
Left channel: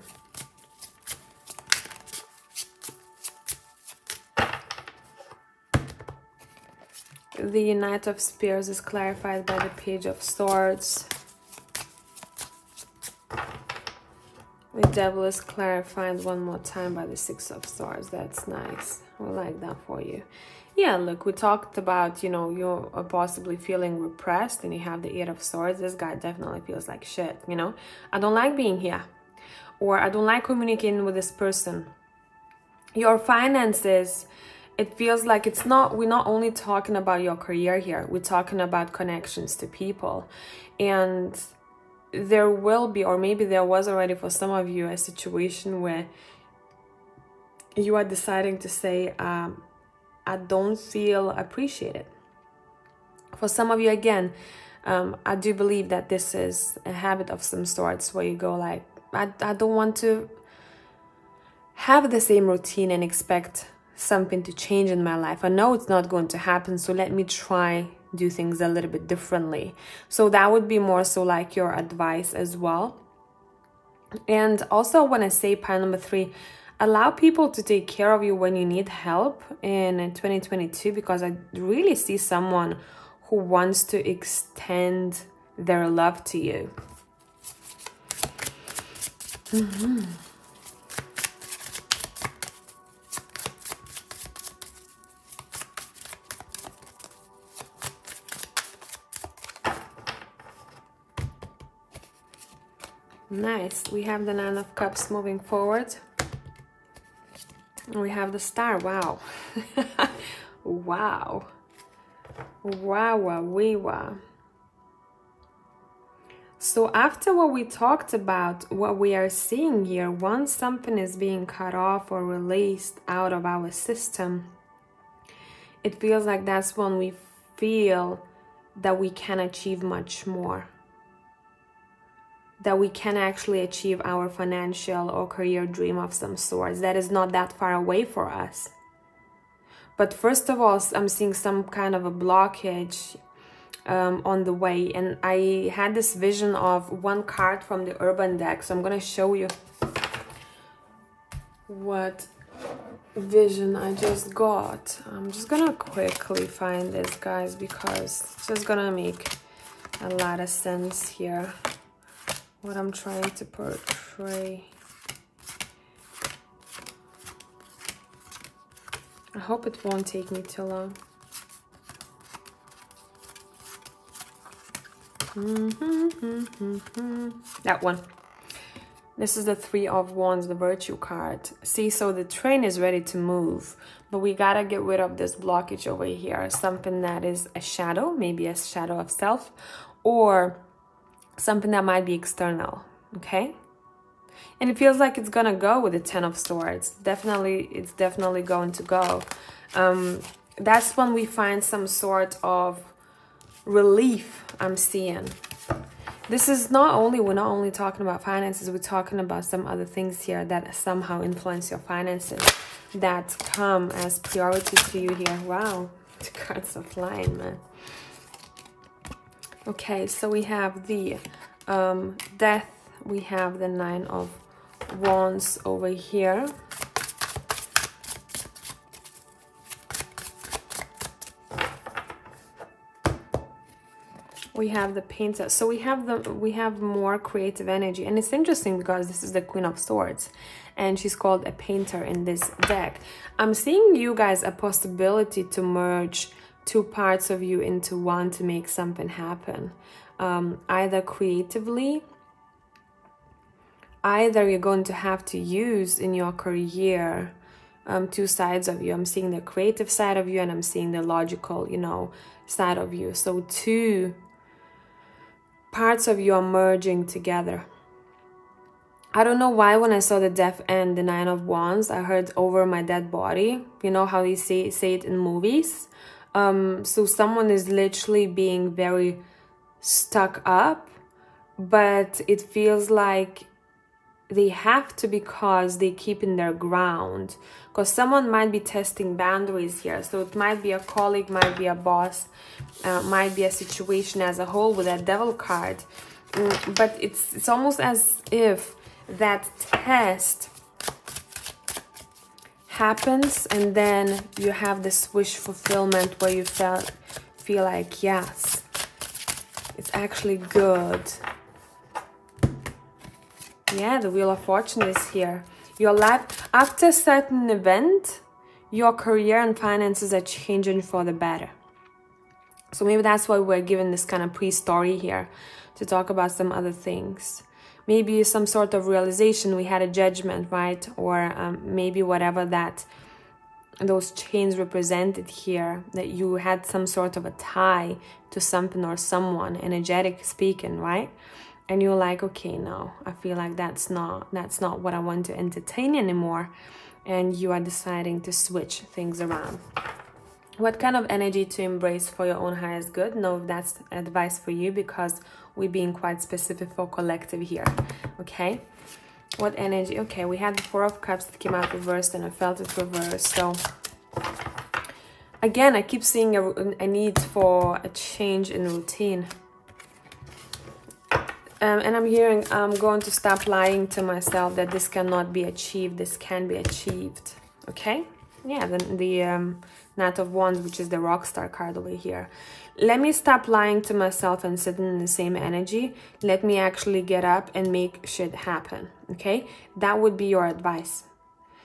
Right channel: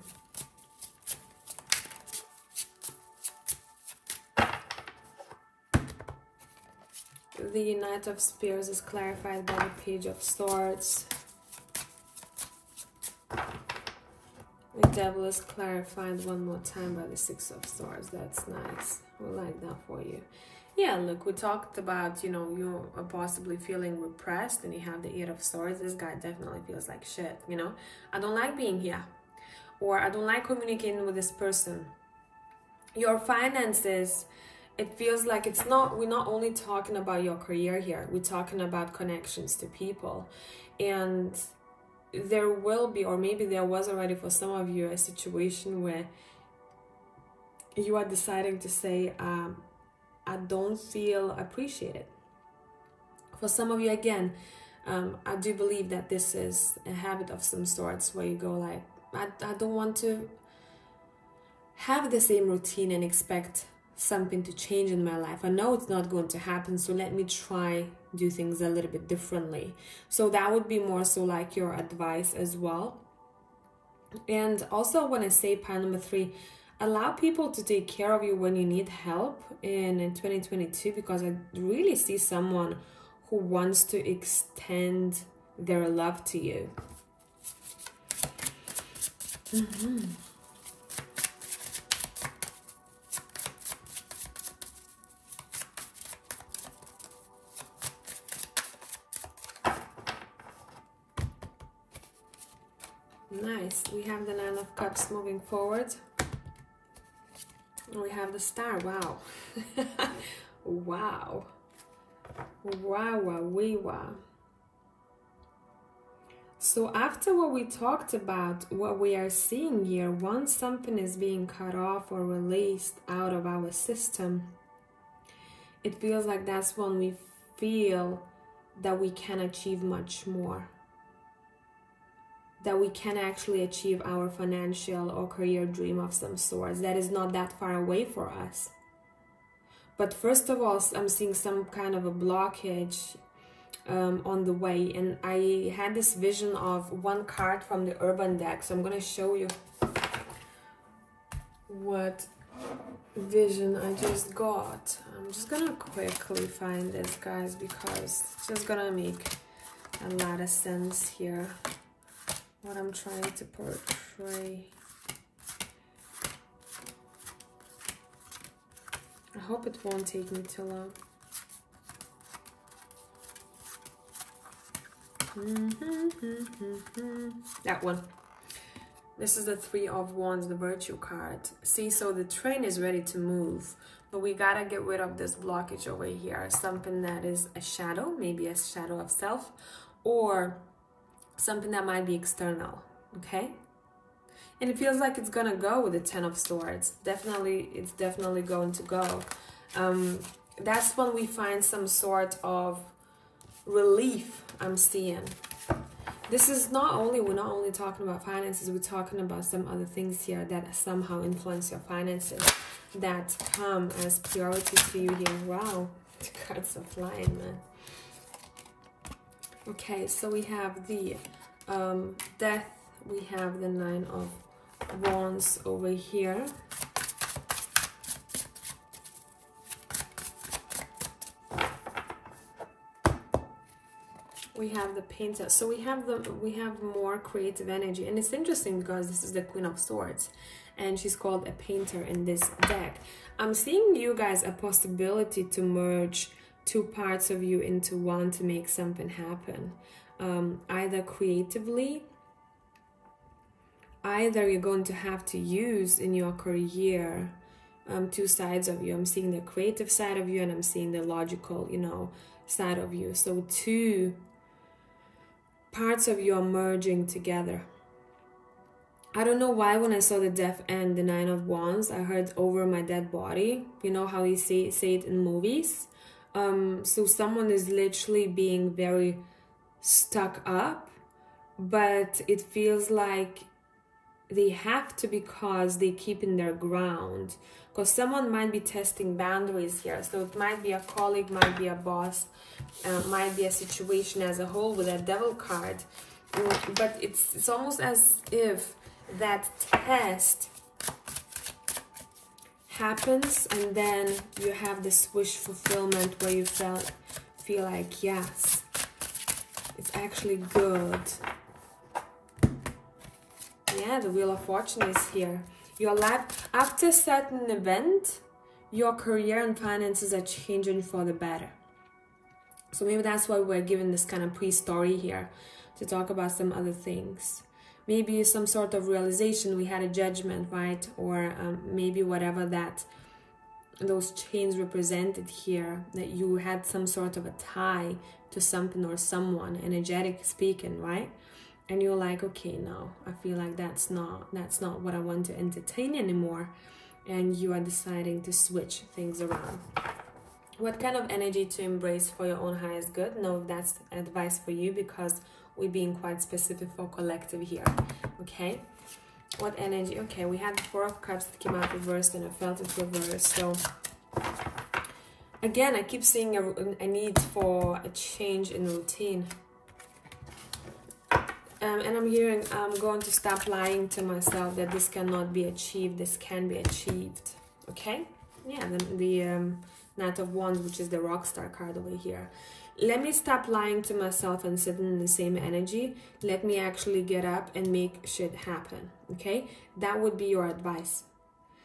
The Knight of Spears is clarified by the Page of Swords. The Devil is clarified one more time by the Six of Swords. That's nice. I like that for you. Yeah, look, we talked about, you know, you're possibly feeling repressed and you have the Eight of Swords. This guy definitely feels like shit, you know. I don't like being here. Or I don't like communicating with this person. Your finances, it feels like it's not, we're not only talking about your career here. We're talking about connections to people. And there will be, or maybe there was already for some of you, a situation where you are deciding to say, I don't feel appreciated. For some of you, again, I do believe that this is a habit of some sorts where you go like, I don't want to have the same routine and expect something to change in my life. I know it's not going to happen, so let me try do things a little bit differently. So that would be more so like your advice as well. And also when I say pile number 3, allow people to take care of you when you need help in 2022, because I really see someone who wants to extend their love to you. Nice. We have the Nine of Cups moving forward. We have the Star. Wow. Wow. Wow. So after what we talked about, what we are seeing here, once something is being cut off or released out of our system, it feels like that's when we feel that we can achieve much more. That we can actually achieve our financial or career dream of some sort that is not that far away for us. But first of all, I'm seeing some kind of a blockage on the way. And I had this vision of one card from the Urban deck. So I'm going to show you what vision I just got. I'm just going to quickly find this, guys, because it's just going to make a lot of sense here. What I'm trying to portray. I hope it won't take me too long. That one. This is the Three of Wands, the Virtue card. See, so the train is ready to move, but we gotta get rid of this blockage over here. Something that is a shadow, maybe a shadow of self, or something that might be external, okay? And it feels like it's gonna go with the Ten of Swords. Definitely, it's definitely going to go. That's when we find some sort of relief, I'm seeing. This is we're not only talking about finances, we're talking about some other things here that somehow influence your finances, that come as priority to you here. Wow, the cards are flying, man. Okay, so we have the death, we have the 9 of Wands over here. We have the Painter. So we have more creative energy, and it's interesting because this is the Queen of Swords and she's called a painter in this deck. I'm seeing you guys a possibility to merge 2 parts of you into one to make something happen, either creatively, either you're going to have to use in your career 2 sides of you. I'm seeing the creative side of you and I'm seeing the logical, you know, side of you. So 2 parts of you are merging together. I don't know why when I saw the Death and the 9 of Wands, I heard over my dead body. You know how they say it in movies? So someone is literally being very stuck up, but it feels like they have to because they keep in their ground. Because someone might be testing boundaries here. So it might be a colleague, might be a boss, might be a situation as a whole with that Devil card. But it's almost as if that test happens and then you have this wish fulfillment where you feel like, yes, it's actually good. Yeah, the Wheel of Fortune is here. Your life, after a certain event, your career and finances are changing for the better. So maybe that's why we're given this kind of pre-story here to talk about some other things. Maybe some sort of realization, we had a judgment, right? Or maybe whatever that those chains represented here, that you had some sort of a tie to something or someone, energetic speaking, right? And you're like, okay, no, I feel like that's not what I want to entertain anymore. And you are deciding to switch things around. What kind of energy to embrace for your own highest good? Know if that's advice for you, because we're being quite specific for collective here. Okay, what energy? Okay, we had the 4 of Cups that came out reversed and I felt it reversed. So again, I keep seeing a need for a change in routine. And I'm hearing I'm going to stop lying to myself that this cannot be achieved. This can be achieved. Okay? Yeah, the Knight of Wands, which is the Rockstar card over here. Let me stop lying to myself and sitting in the same energy. Let me actually get up and make shit happen. Okay? That would be your advice.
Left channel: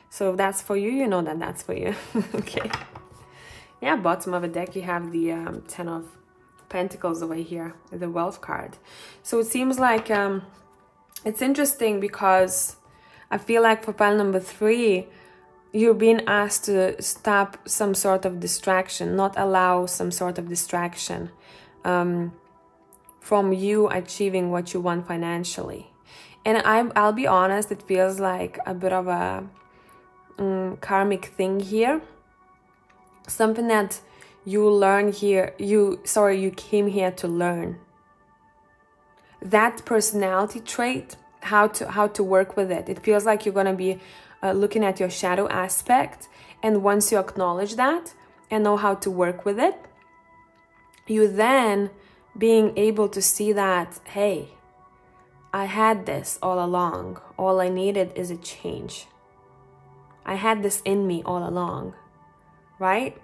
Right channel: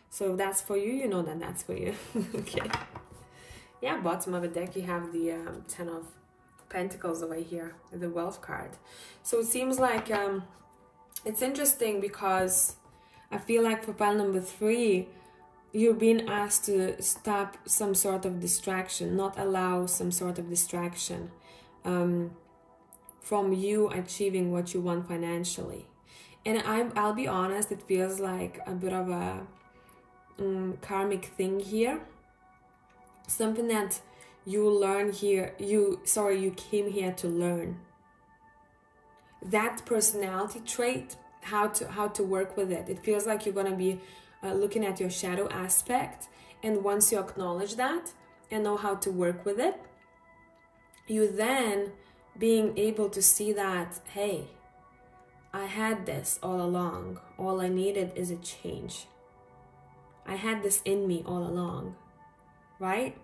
So if that's for you, you know that that's for you. Okay? Yeah, bottom of the deck, you have the 10 of Pentacles over here, the Wealth card. So it seems like it's interesting because I feel like for pile number 3, you're being asked to stop some sort of distraction, not allow some sort of distraction from you achieving what you want financially. And I'll be honest, it feels like a bit of a karmic thing here. Something that you learn here, you came here to learn. That personality trait, how to work with it. It feels like you're going to be looking at your shadow aspect, and once you acknowledge that and know how to work with it, you then being able to see that, hey, I had this all along. All I needed is a change. I had this in me all along, right?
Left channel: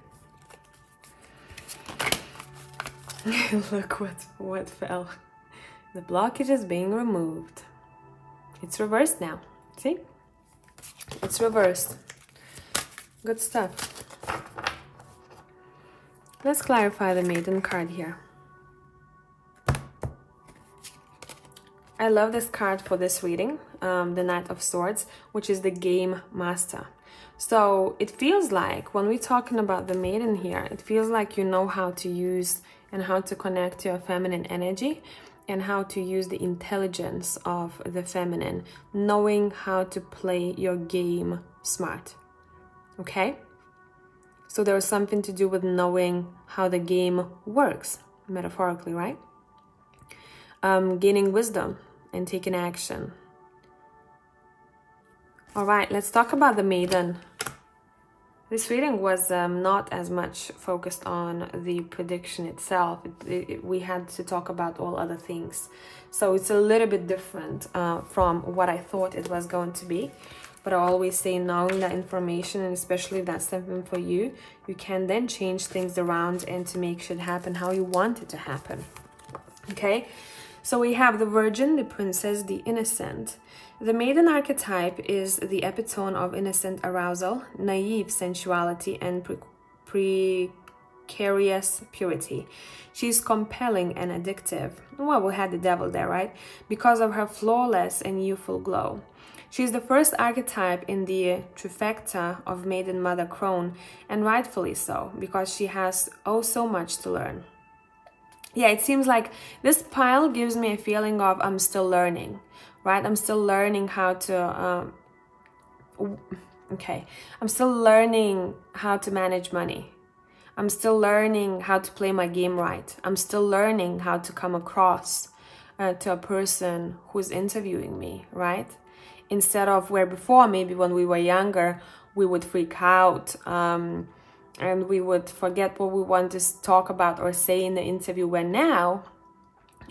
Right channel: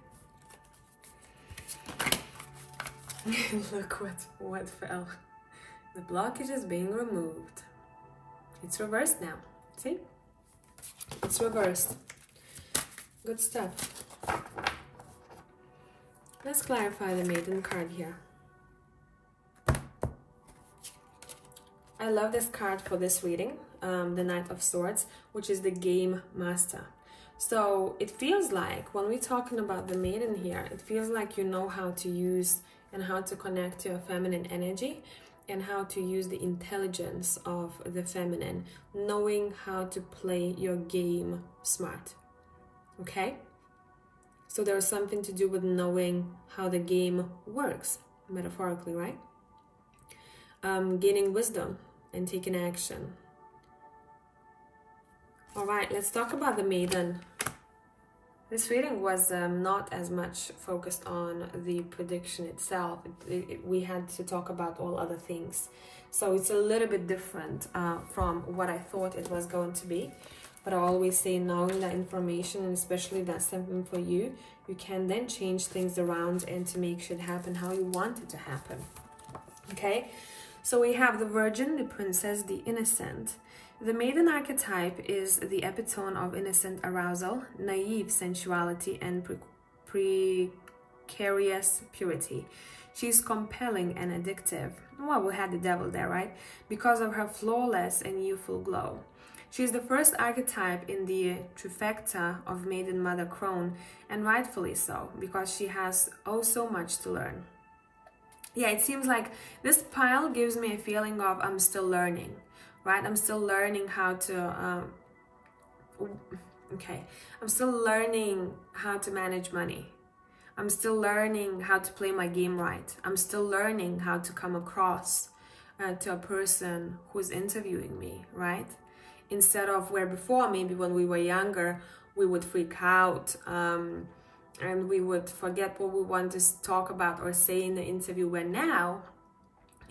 Look what fell. The blockage is being removed. It's reversed now. See? It's reversed. Good stuff. Let's clarify the Maiden card here. I love this card for this reading, the Knight of Swords, which is the Game Master. So it feels like when we're talking about the Maiden here, it feels like you know how to use and how to connect to your feminine energy and how to use the intelligence of the feminine, knowing how to play your game smart. Okay? So there's something to do with knowing how the game works, metaphorically, right? gaining wisdom and taking action. All right, let's talk about the Maiden. This reading was not as much focused on the prediction itself. We had to talk about all other things. So it's a little bit different from what I thought it was going to be. But I always say, knowing that information, and especially if that's something for you, you can then change things around and to make shit happen how you want it to happen. Okay? So we have the Virgin, the Princess, the Innocent. The Maiden archetype is the epitome of innocent arousal, naive sensuality, and precarious purity. She's compelling and addictive. Well, we had the devil there, right? Because of her flawless and youthful glow. She's the first archetype in the trifecta of Maiden Mother Crone, and rightfully so, because she has oh so much to learn. Yeah, it seems like this pile gives me a feeling of I'm still learning, right? I'm still learning how to, I'm still learning how to manage money. I'm still learning how to play my game right. I'm still learning how to come across to a person who's interviewing me, right? Instead of where before, maybe when we were younger, we would freak out and we would forget what we want to talk about or say in the interview, where now,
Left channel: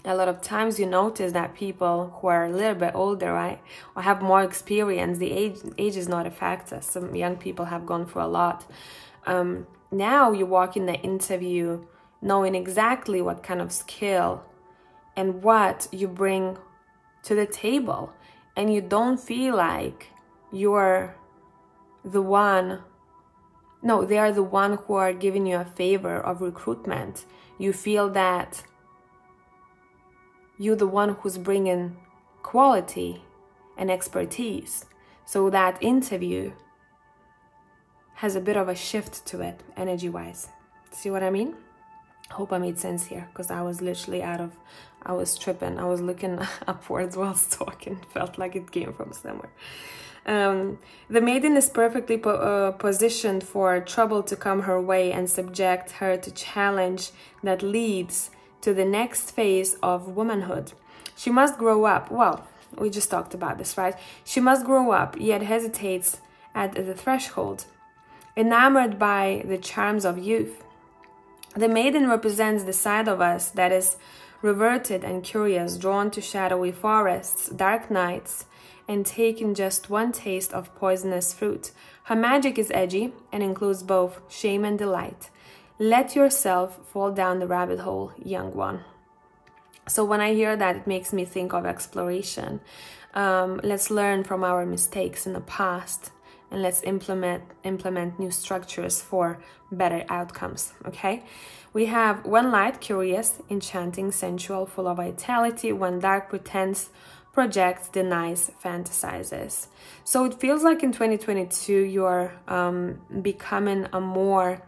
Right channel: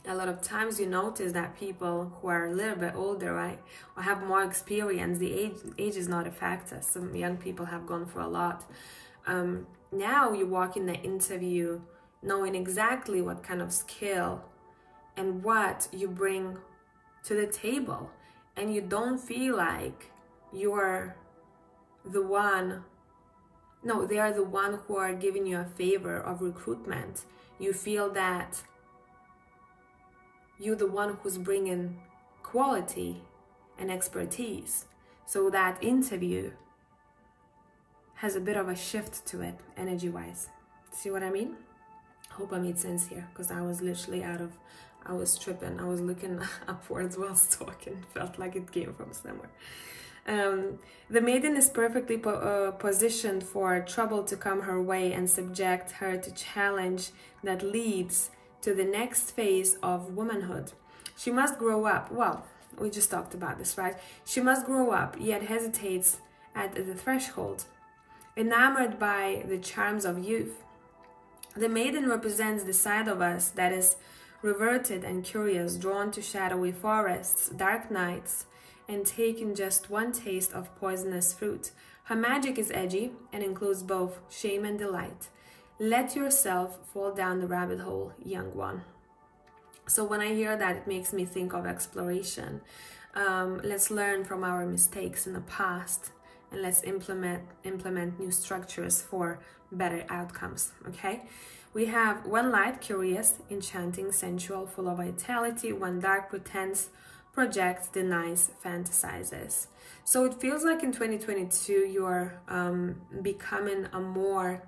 a lot of times you notice that people who are a little bit older, right, or have more experience, the age is not a factor. Some young people have gone through a lot. Now you walk in the interview knowing exactly what kind of skill and what you bring to the table. And you don't feel like you're the one, no, they are the one who are giving you a favor of recruitment. You feel that you're the one who's bringing quality and expertise. So that interview has a bit of a shift to it, energy-wise. See what I mean? Hope I made sense here, because I was literally I was tripping. I was looking upwards while talking. Felt like it came from somewhere. The Maiden is perfectly positioned for trouble to come her way and subject her to challenge that leads to the next phase of womanhood. She must grow up. Well, we just talked about this, right? She must grow up, yet hesitates at the threshold, enamored by the charms of youth. The Maiden represents the side of us that is reverted and curious, drawn to shadowy forests, dark nights, and taking just one taste of poisonous fruit. Her magic is edgy and includes both shame and delight. Let yourself fall down the rabbit hole, young one. So when I hear that, it makes me think of exploration. Let's learn from our mistakes in the past, and let's implement new structures for better outcomes, okay? We have one light, curious, enchanting, sensual, full of vitality. One dark, pretends, projects, denies, fantasizes. So it feels like in 2022, you're becoming a more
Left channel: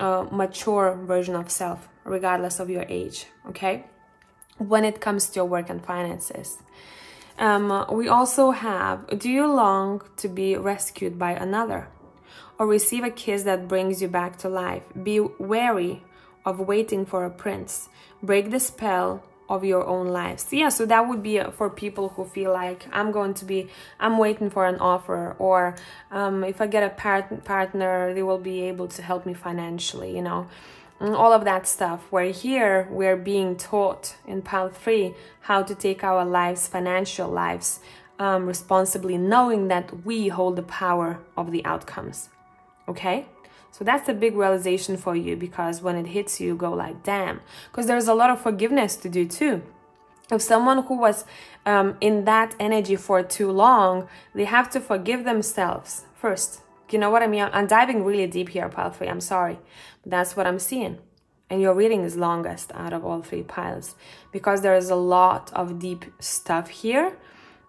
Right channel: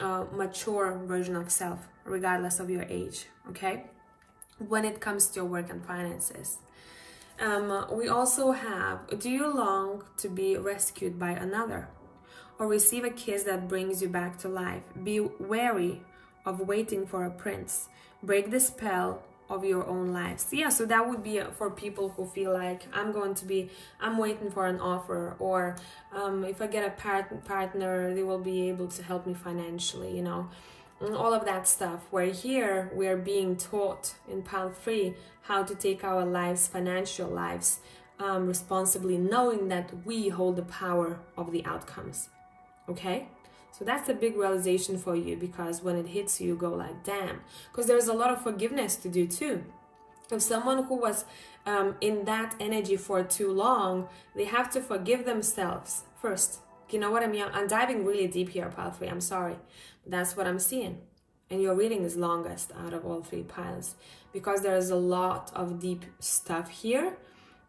mature version of self, regardless of your age, okay? When it comes to your work and finances. We also have, do you long to be rescued by another? Or receive a kiss that brings you back to life? Be wary of waiting for a prince. Break the spell of your own lives. Yeah, so that would be for people who feel like I'm waiting for an offer, or if I get a partner, they will be able to help me financially, you know, and all of that stuff. Where here we're being taught in pile 3 how to take our lives, financial lives, responsibly, knowing that we hold the power of the outcomes. Okay? So that's a big realization for you, because when it hits you, you go like, damn. Because there's a lot of forgiveness to do too. If someone who was in that energy for too long, they have to forgive themselves first. You know what I mean? I'm diving really deep here, pile 3. I'm sorry. But that's what I'm seeing. And your reading is longest out of all 3 piles, because there is a lot of deep stuff here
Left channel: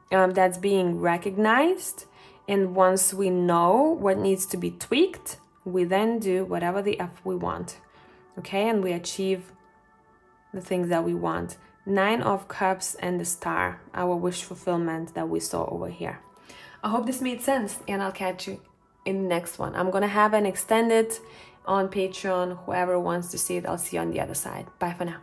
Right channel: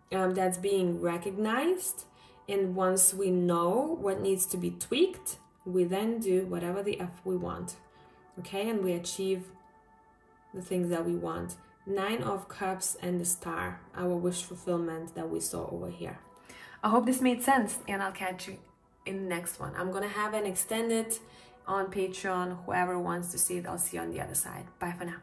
that's being recognized. And once we know what needs to be tweaked, we then do whatever the F we want, okay? And we achieve the things that we want. 9 of Cups and the Star, our wish fulfillment that we saw over here. I hope this made sense, and I'll catch you in the next one. I'm gonna have an extended on Patreon. Whoever wants to see it, I'll see you on the other side. Bye for now.